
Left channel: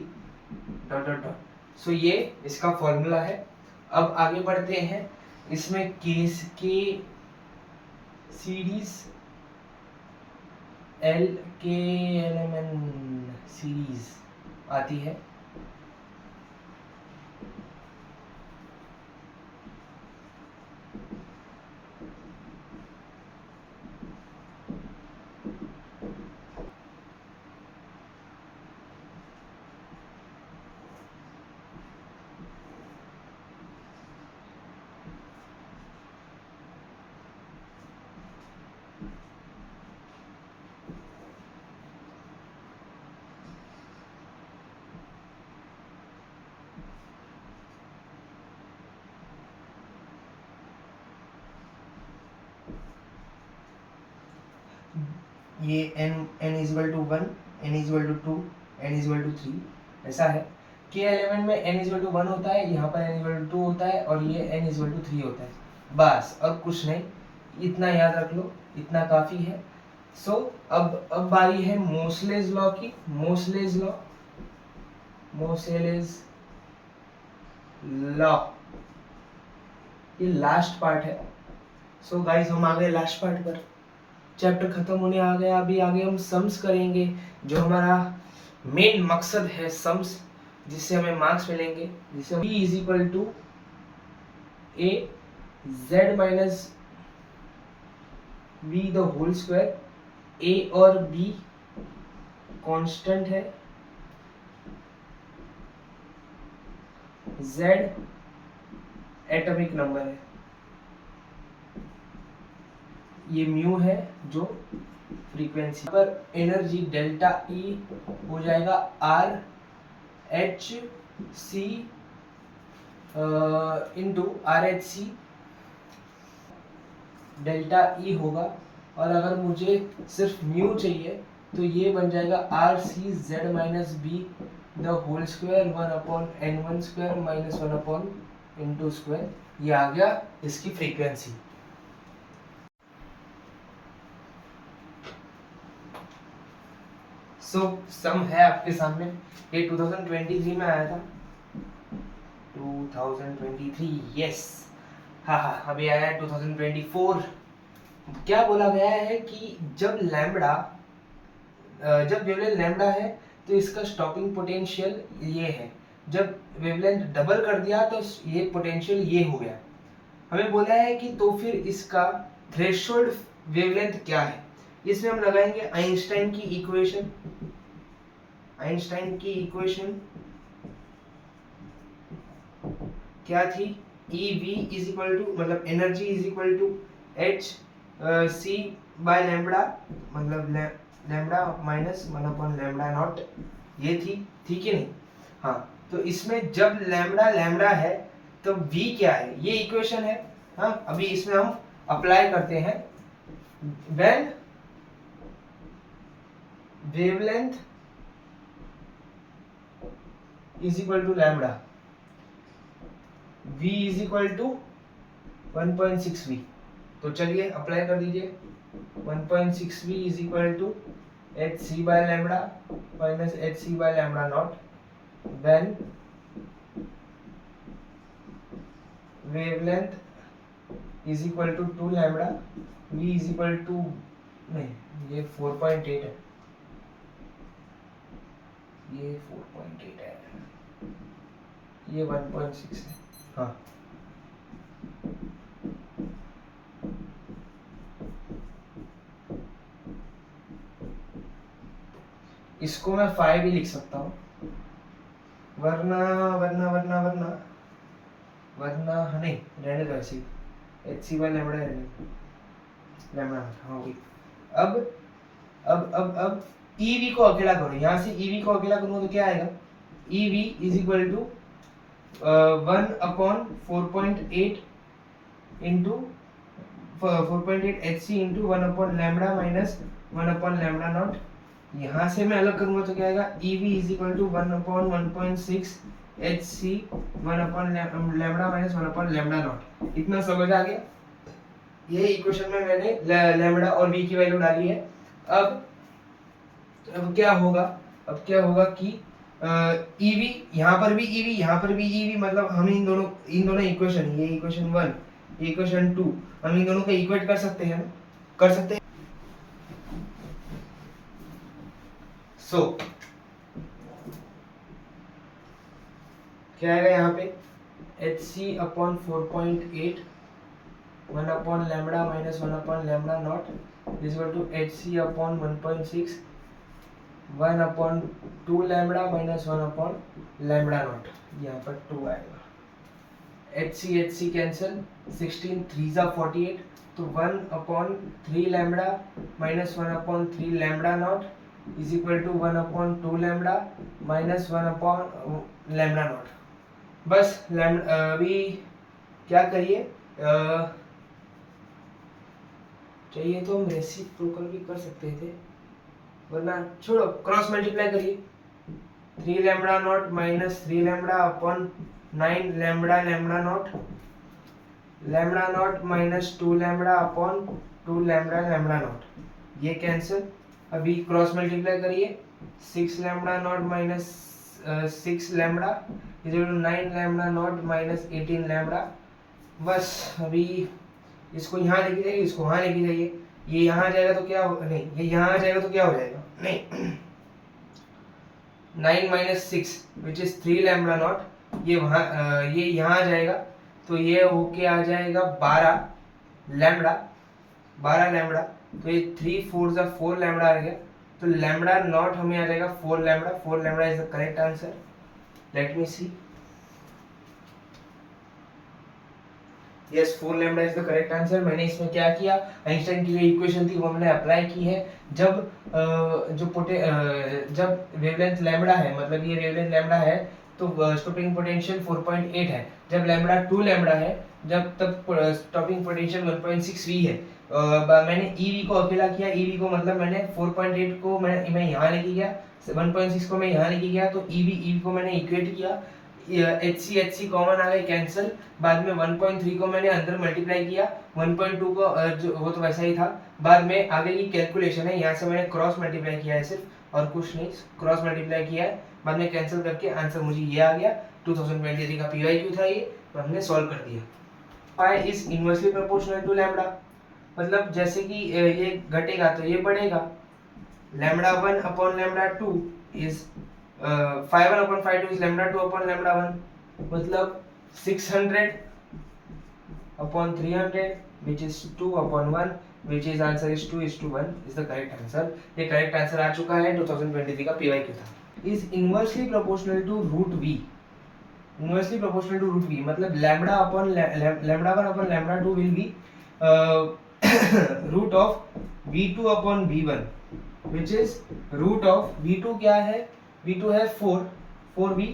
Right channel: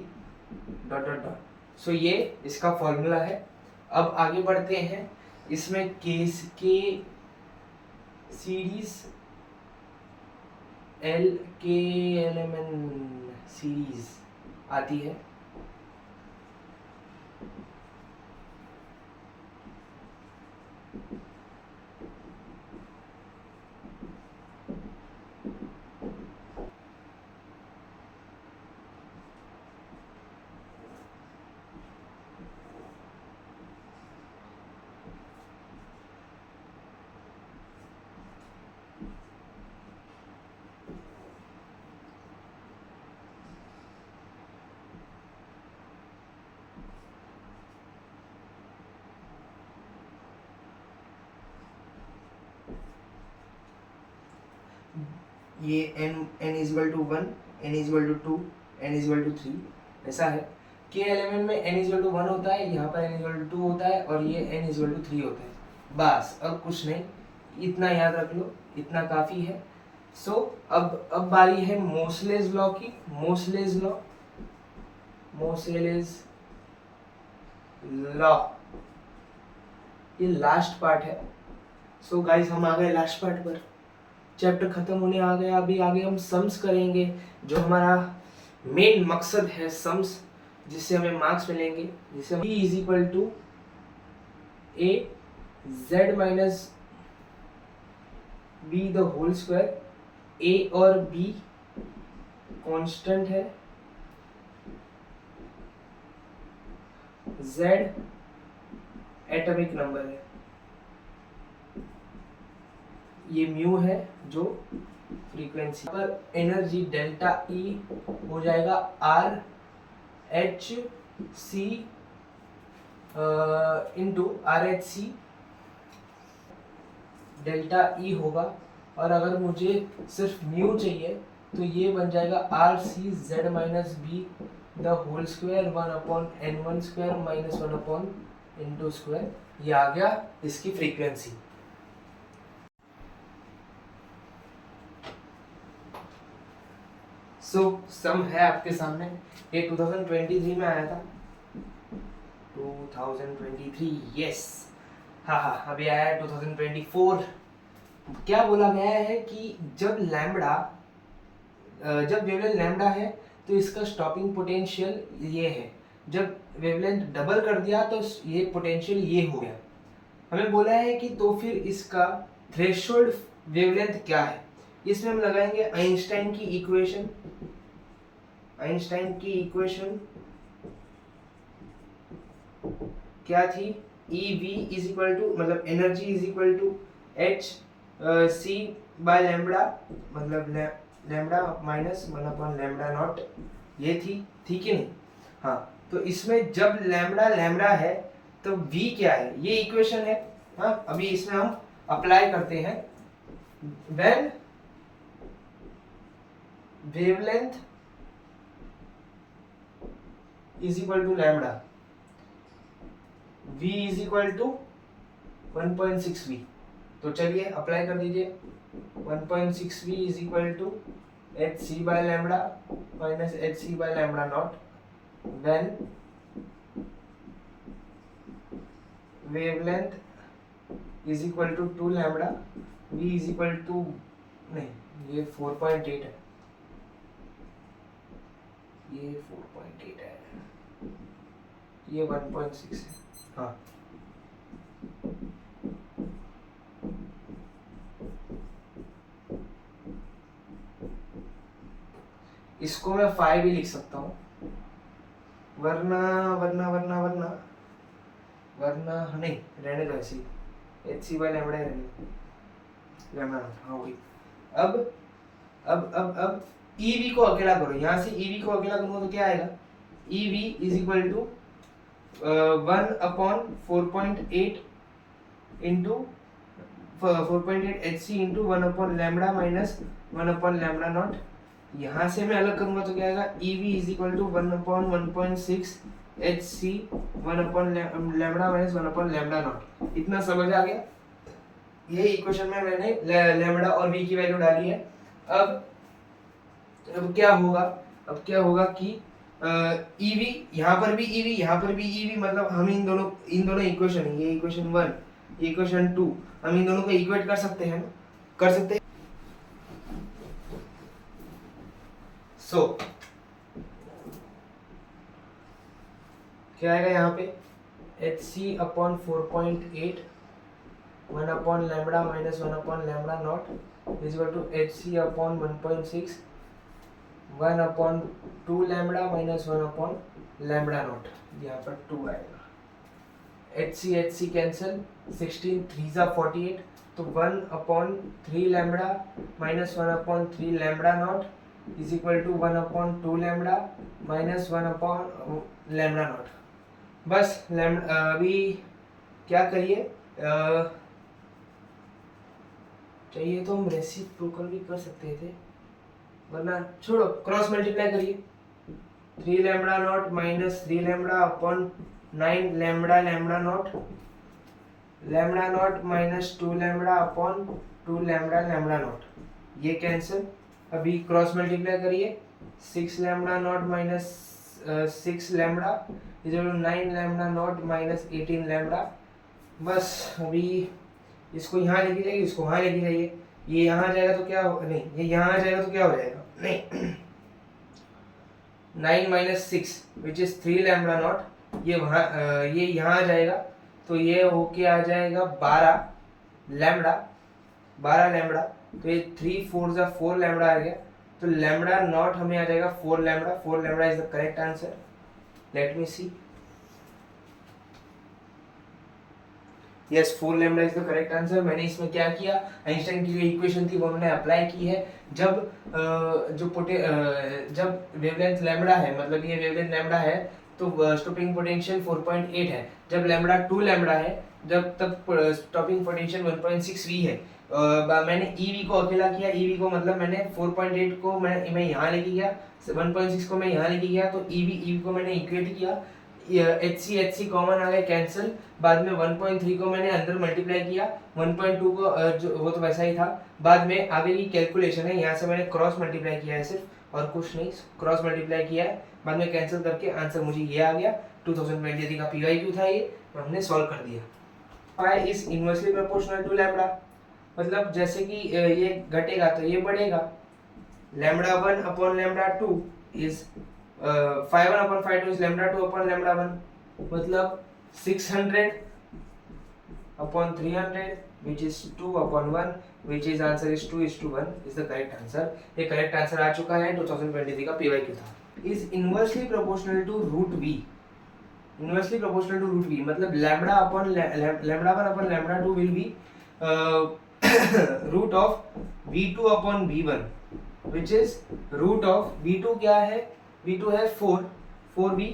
सो ये इसका फॉर्मूला है। अब आगे बढ़ते हैं। इसमें K series L K L M N series आती है। ये n equal to 1, n equal to 2, n equal to 3 ऐसा है। के एलिमेंट में n इजल टू 1 होता है, यहाँ पर n इजल टू 2 होता है और ये n इजल टू 3 होता है। बस और कुछ नहीं, इतना याद रख लो, इतना काफ़ी है। सो अब बारी है मोसलेज लॉ की। मोसलेज लॉ ये लास्ट पार्ट है। सो गाइस हम आ गए लास्ट पार्ट पर, चैप्टर खत्म होने आ गया। अभी आगे हम सम्स करेंगे, जो हमारा मेन मकसद है सम्स, जिससे हमें मार्क्स मिलेंगे। जिससे b is equal to a z minus b the whole square. a और b कांस्टेंट है, z एटॉमिक नंबर है, ये म्यू है जो फ्रीक्वेंसी पर। एनर्जी डेल्टा ई हो जाएगा आर एच सी into R H C, delta E होगा। और अगर मुझे सिर्फ म्यू चाहिए तो ये बन जाएगा R C Z minus B the whole square 1/n1 square minus 1/n2 square. ये आ गया इसकी फ्रीक्वेंसी। सम है आपके सामने, ये 2023 में आया था। 2023 यस, हाँ अभी आया है 2024। क्या बोला गया है कि जब वेवलेंथ लैम्डा है तो इसका स्टॉपिंग पोटेंशियल ये है। जब वेवलेंथ डबल कर दिया तो ये पोटेंशियल ये हो गया। हमें बोला है कि तो फिर इसका थ्रेशोल्ड वेवलेंथ क्या है। इसमें हम लगाएंगे आइंस्टाइन की इक्वेशन। आइंस्टाइन की इक्वेशन क्या थी? EV इज इक्वल टू, मतलब energy is equal to h c by lambda, मतलब लैम्बडा माइनस 1/λ0। ये थी कि नहीं? हाँ, तो इसमें जब लैम्बडा है तो v क्या है, ये इक्वेशन है। हाँ, अभी इसमें हम अप्लाई करते हैं। When wavelength is equal to lambda, v is equal to 1.6v। तो चलिए अप्लाई कर दीजिए। 1.6v is equal to H C by lambda minus H C by lambda naught. When wavelength is equal to 2 lambda, v is equal to, नहीं ये 4.8 है, ये 4.8 है, ये 1.6 है। हाँ, इसको मैं 5 भी लिख सकता हूँ, वरना नहीं, रहने दो ऐसे ही। एच सी बाय लैम्बडा रहने दो, लैम्बडा। हाँ वही। अब ईवी को अकेला करो, यहाँ से ईवी को अकेला करूँगा तो क्या आएगा? EV is equal to 1/4.8 into 4.8 h C into 1/λ minus 1/λ0। यहाँ से मैं अलग करूँगा तो क्या आएगा? EV is equal to 1/1.6 h c 1/λ minus 1/λ0। इतना समझ आ गया? ये इक्वेशन में मैंने लैम्बडा और v की वैल्यू डाली है। अब क्या होगा कि EV यहाँ पर भी EV, यहाँ पर भी EV, मतलब हम इन दोनों इक्वेशन, ये इक्वेशन 1, इक्वेशन 2, हम इन दोनों को इक्वेट कर सकते हैं, कर सकते हैं। सो क्या आएगा यहाँ पे, H C upon 4.8 1 upon lambda minus 1 upon lambda naught is equal to H C upon 1.6 1 upon 2 lambda minus 1 upon lambda naught, यहाँ पर 2 आएगा। एच सी कैंसिल, 16 3 जा 48, तो 1 upon 3 lambda minus 1 upon 3 lambda naught is equal to 1 upon 2 lambda minus 1 upon lambda naught. बस अभी क्या करिए, चाहिए तो हम रेसिप्रोकल भी कर सकते थे, वरना छोड़ो, क्रॉस मल्टीप्लाई करिए। 3 lambda naught minus 3 lambda upon 9 lambda lambda naught minus 2 lambda upon 2 lambda lambda naught, ये कैंसिल। अभी क्रॉस मल्टीप्लाई करिए, 6 lambda naught minus 6 lambda is equal to 9 lambda naught minus 18 lambda. बस अभी इसको यहाँ लेके जाइए, इसको यहाँ लेके जाइए, ये यहाँ आ जाएगा तो क्या हो, नहीं ये यहाँ आ जाएगा तो क्या हो जाएगा, नहीं 9 minus 6 which is 3 lambda naught, ये वहाँ ये यहाँ आ जाएगा तो ये होके आ जाएगा 12 लैम्बडा, तो ये 3 4 जा 4 लैम्बडा आ गया, तो लैम्बडा नॉट हमें आ जाएगा 4 lambda is the correct answer. Let me see, yes 4 lambda is the correct answer. मैंने इसमें क्या किया, आइंस्टाइन की जो इक्वेशन थी वो मैंने अप्लाई की है। जब जब वेवलेंथ लैम्बडा है, मतलब ये वेवलेंथ लैम्बडा है, तो स्टॉपिंग पोटेंशियल 4.8 है। जब लैम्बडा 2 लैम्बडा है, जब तक स्टॉपिंग पोटेंशियल 1.6 वी है। मैंने EV को अकेला किया, EV को मतलब मैंने 4.8 को मैं यहाँ लेके गया, 1.6 को मैं यहाँ लेके गया, तो EV को मैंने इक्वेट किया, एच सी कॉमन आ गए कैंसिल। बाद में 1.3 को मैंने अंदर मल्टीप्लाई किया, 1.2 को जो वो तो वैसा ही था। बाद में आगे की कैलकुलेशन है, यहाँ से मैंने क्रॉस मल्टीप्लाई किया है सिर्फ, और कुछ नहीं, क्रॉस मल्टीप्लाई किया है। बाद में कैंसिल करके आंसर मुझे ये आ गया, 2023 का PYQ था ये, तो हमने सॉल्व कर दिया। Pi is inversely proportional to lambda, मतलब जैसे कि ये घटेगा तो ये बढ़ेगा। Lambda 1 upon lambda 2 is 5 1 upon 5 2 is lambda 2 upon lambda 1, मतलब 600 upon 300 which is 2 upon 1, which is answer is 2 is to 1 is the correct answer। ये करेक्ट आंसर आ चुका है, 2023 का PYQ था। is inversely proportional to root v, inversely proportional to root v मतलब lambda 1 upon lambda 2 will be root of v2 upon v1 which is root of v2 क्या है, v2 है 4v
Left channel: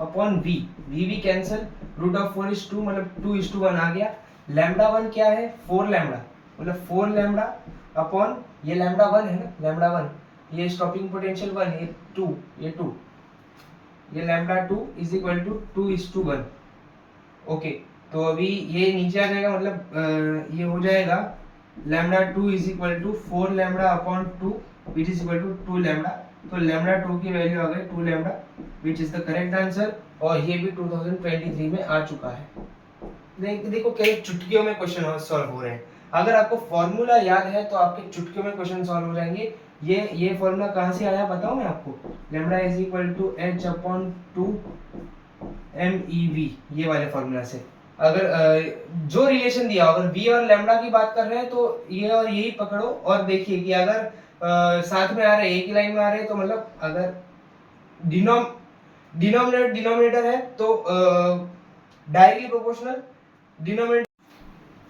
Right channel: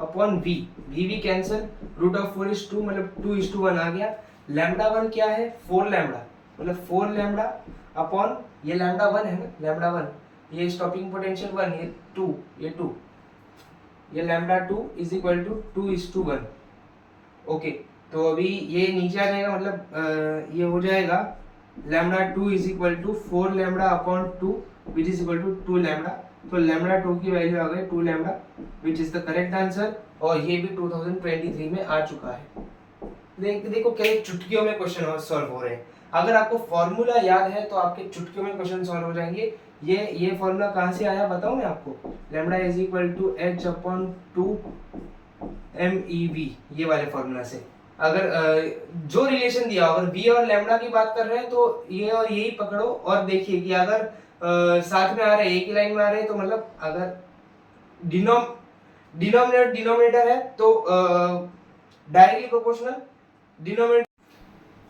upon v cancel, root of 4 is 2 मतलब 2 is to 1 आ गया। Lambda 1 क्या है, 4 lambda मतलब 4 lambda upon ये लैम्बडा 1 है ना, लैम्बडा 1, ये स्टॉपिंग पोटेंशियल 1, ये 2, ये lambda 2 is equal to 2 is to 1। Okay, तो अभी ये नीचे आ जाएगा, मतलब ये हो जाएगा lambda 2 is equal to 4 lambda upon 2 which is equal to 2 lambda, तो लैम्बडा 2 की वैल्यू आ गई 2 lambda which is the correct answer, और ये भी 2023 में आ चुका है। देखो कई चुटकियों में क्वेश्चन सॉल्व हो रहे हैं। अगर आपको फॉर्मूला याद है तो आपके चुटकियों में क्वेश्चन सॉल्व हो जाएंगे। ये फॉर्मूला कहाँ से आया बताऊं मैं आपको, lambda is equal to h upon 2 MEV, ये वाले फॉर्मूला से। अगर जो रिलेशन दिया, अगर v और लैम्बडा की बात कर रहे हैं तो ये और यही पकड़ो, और देखिए कि अगर साथ में आ रहे, एक ही लाइन में आ रहे, तो मतलब अगर डिनोमिनेटर है तो directly proportional denominator.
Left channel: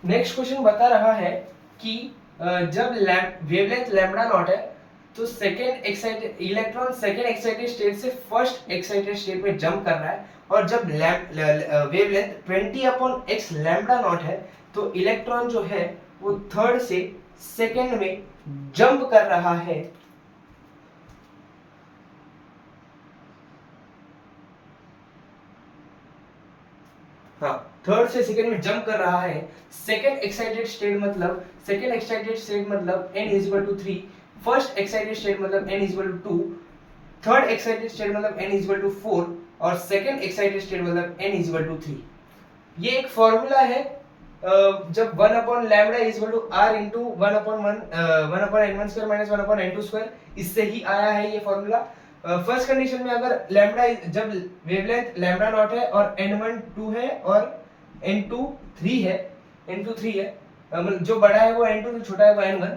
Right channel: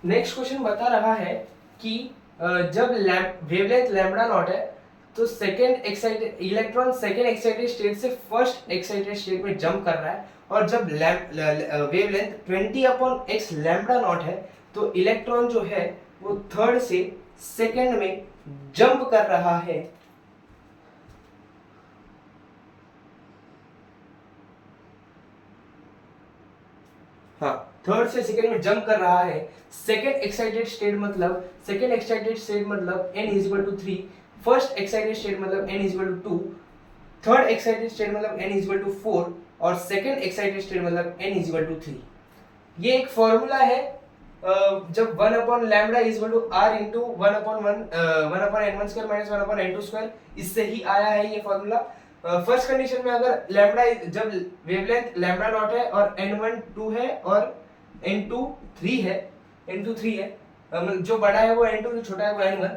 Next question बता रहा है कि जब वेवलेंथ लैम्बडा नॉट है तो इलेक्ट्रॉन सेकेंड एक्साइटेड स्टेट से फर्स्ट एक्साइटेड स्टेट में जंप कर रहा है, और जब wavelength 20 upon x lambda not है तो इलेक्ट्रॉन जो है वो थर्ड से सेकेंड में जंप कर रहा है। हाँ, थर्ड से सेकेंड में जंप कर रहा है। सेकेंड एक्साइटेड स्टेट मतलब n is equal to 3, first excited state मतलब n is equal to 2, third excited state मतलब n इज इक्वल टू 4, और सेकेंड एक्साइटेड स्टेट मतलब n इज इक्वल टू 3। ये एक फॉर्मूला है जब 1 upon lambda is equal to R into 1 upon n1 square minus 1 upon n2 square, इससे ही आया है ये फॉर्मूला। फर्स्ट कंडीशन में अगर लैम्बडा जब वेवलेंथ लैम्बडा नॉट है और n1 2 है और n2 3 है, n2 3 है, जो बड़ा है वो n2, जो छोटा है वो n1,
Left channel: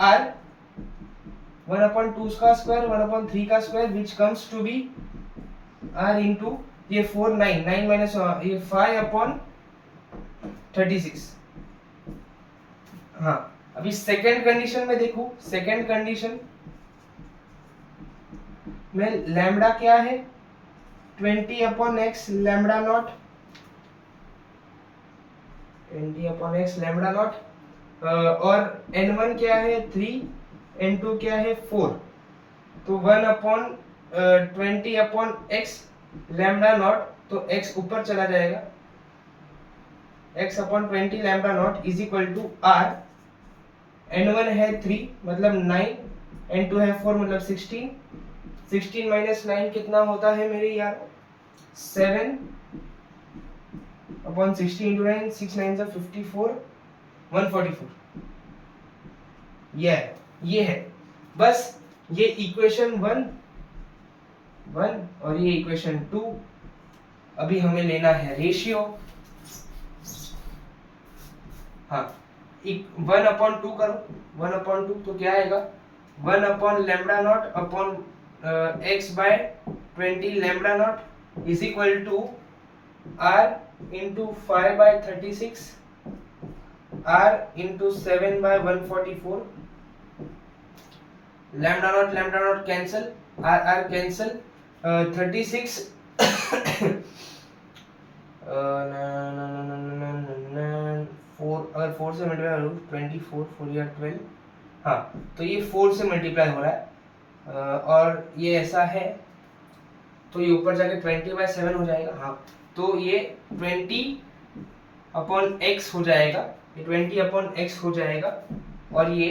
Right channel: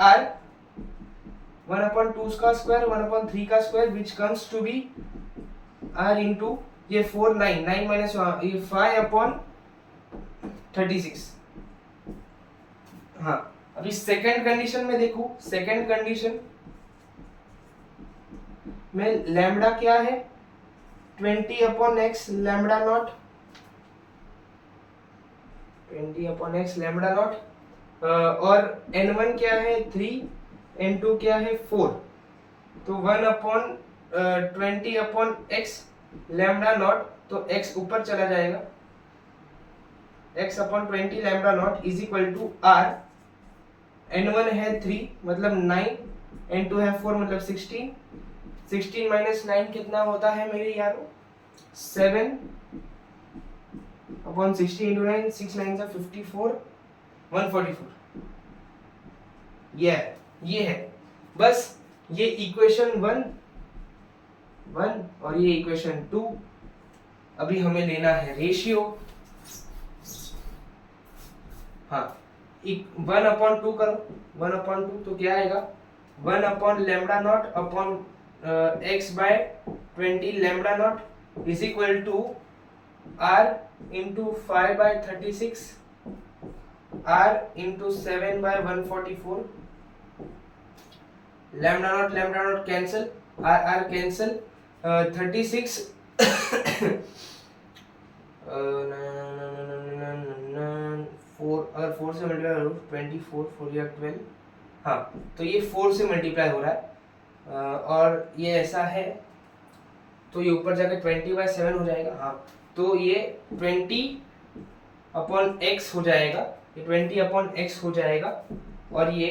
r 1 अपॉन 2 का स्क्वायर 1 अपॉन 3 का square which comes to be r into ये 4 9 माइनस ये 5 अपॉन 36। हाँ, अभी सेकंड कंडीशन में देखो, सेकंड कंडीशन में लैम्बडा क्या है 20 upon x lambda not, 20 upon x lambda not, और n1 क्या है 3, n2 क्या है 4, तो 1 upon 20 upon x lambda naught, तो x ऊपर चला जाएगा, x upon 20 lambda naught is equal to r, n1 है 3 मतलब 9, n2 है 4 मतलब 16, 16 माइनस 9 कितना होता है मेरे यार 7 अपॉन 60 इंटू 9, 6 9 से 54, 144। ये है बस, ये इक्वेशन 1 और ये इक्वेशन 2। अभी हमें लेना है रेशियो। हाँ, 1 अपॉन 2 करो, 1 अपॉन 2 तो क्या आएगा 1 upon lambda naught upon x by 20 lambda naught is equal to r into 5 by 36 r into 7 by 144, lambda naught cancel, r cancel, 36 4, अगर 4 से मल्टीप्लाई करो 24 4 या 12, हाँ तो ये 4 से मल्टीप्लाई हो रहा है, और ये ऐसा है तो ये ऊपर जाके 20/7 हो जाएगा। हाँ, तो ये 20 अपॉन x हो जाएगा, ये 20 अपॉन x हो जाएगा, और ये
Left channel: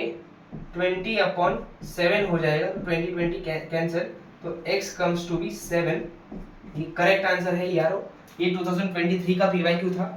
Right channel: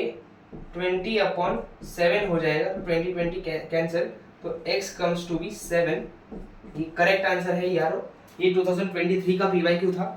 20 अपॉन 7 हो जाएगा, 20 कैंसिल, तो x कम्स टू बी 7। ये करेक्ट आंसर है यारो, ये 2023 का PYQ था।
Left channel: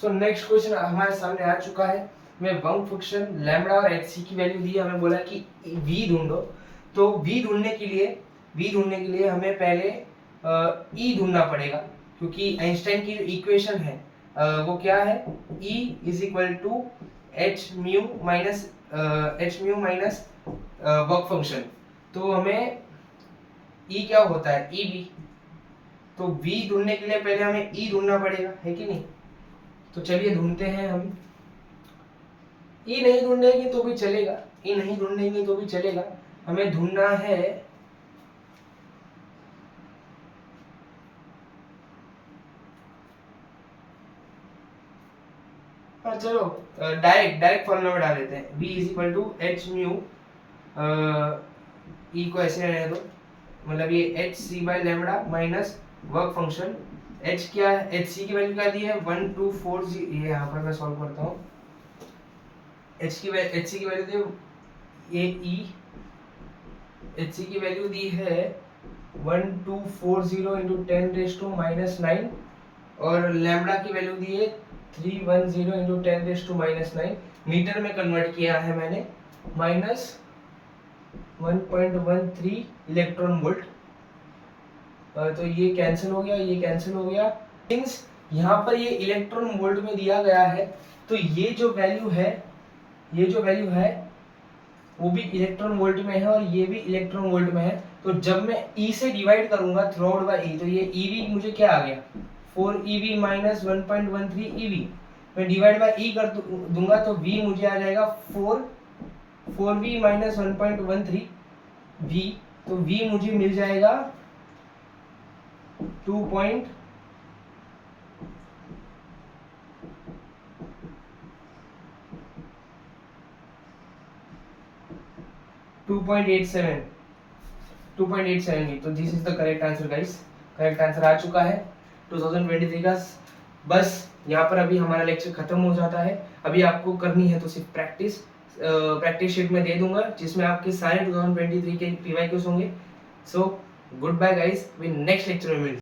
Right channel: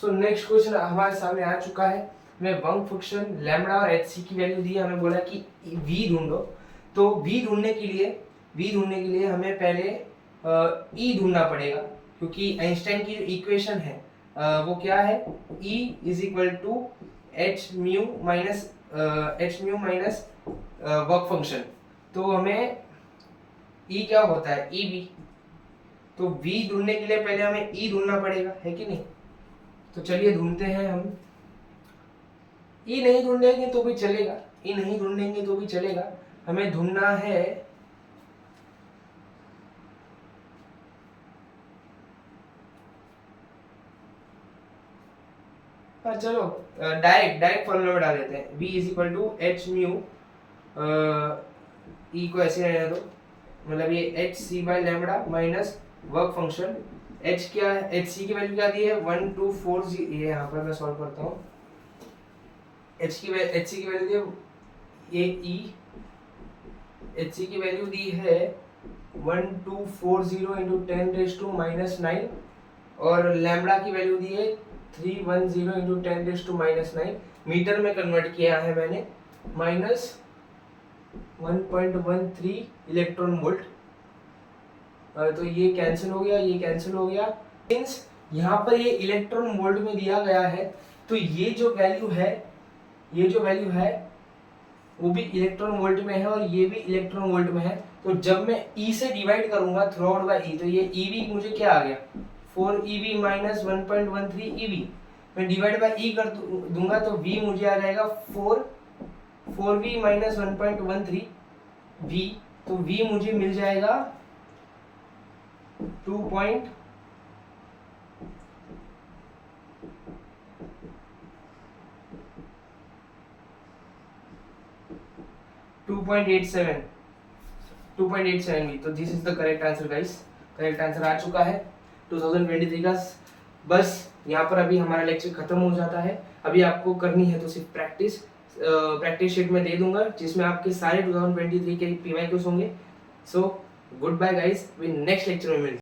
सो नेक्स्ट क्वेश्चन हमारे सामने आ चुका है। हमें बंक फंक्शन लैम्बडा और hc की वैल्यू दी है, हमें बोला कि v ढूंढो। तो v ढूंढने के लिए हमें पहले e ढूंढना पड़ेगा, क्योंकि आइंस्टाइन की जो इक्वेशन है वो क्या है, e is equal to h mu minus work function. तो हमें e क्या होता है, e v। तो v ढूंढने के लिए पहले हमें e ढूंढना पड़ेगा, है कि नहीं। तो चलिए ढूंढते हैं हम। ई नहीं ढूंढेंगे तो भी चलेगा, ई नहीं ढूंढेंगे तो भी चलेगा, हमें ढूंढना है चलो डायरेक्ट फॉर्मूला में डाल देते हैं। b is equal to h mu e को ऐसे रहने दो, मतलब ये h c by lambda minus work function h क्या है, एच सी की वैल्यू क्या दी है 1240, ये यहाँ पर मैं सॉल्व करता हूँ। एच सी की वैल्यू दी है ये ई, एच सी की वैल्यू दी है 1240 इंटू 10⁻⁻⁹ और लैम्बडा की वैल्यू दी है 310 इंटू 10⁻⁹ मीटर में कन्वर्ट किया है मैंने, माइनस 1.13 इलेक्ट्रॉन वोल्ट। तो ये कैंसिल हो गया, ये कैंसिल हो गया। मींस यहाँ पर ये इलेक्ट्रॉन वोल्ट में दिया गया है, तो ये जो वैल्यू है, ये जो वैल्यू है वो भी इलेक्ट्रॉन वोल्ट में है और ये भी इलेक्ट्रॉन वोल्ट में है। तो जब मैं E से डिवाइड करूंगा थ्रू आउट बाय E, तो ये EV मुझे क्या आ गया 4EV माइनस 1.13 EV। मैं डिवाइड बाय E कर दूंगा तो V मुझे आ जाएगा 4V माइनस 1.13 V, तो V मुझे मिल जाएगा 2.87 तो this is the correct answer guys. Correct answer आ चुका है 2023 का। बस यहाँ पर अभी हमारा लेक्चर खत्म हो जाता है। अभी आपको करनी है तो सिर्फ प्रैक्टिस शीट में दे दूंगा जिसमें आपके सारे 2023 के PYQs होंगे। So good bye guys, we next lecture में मिलते हैं।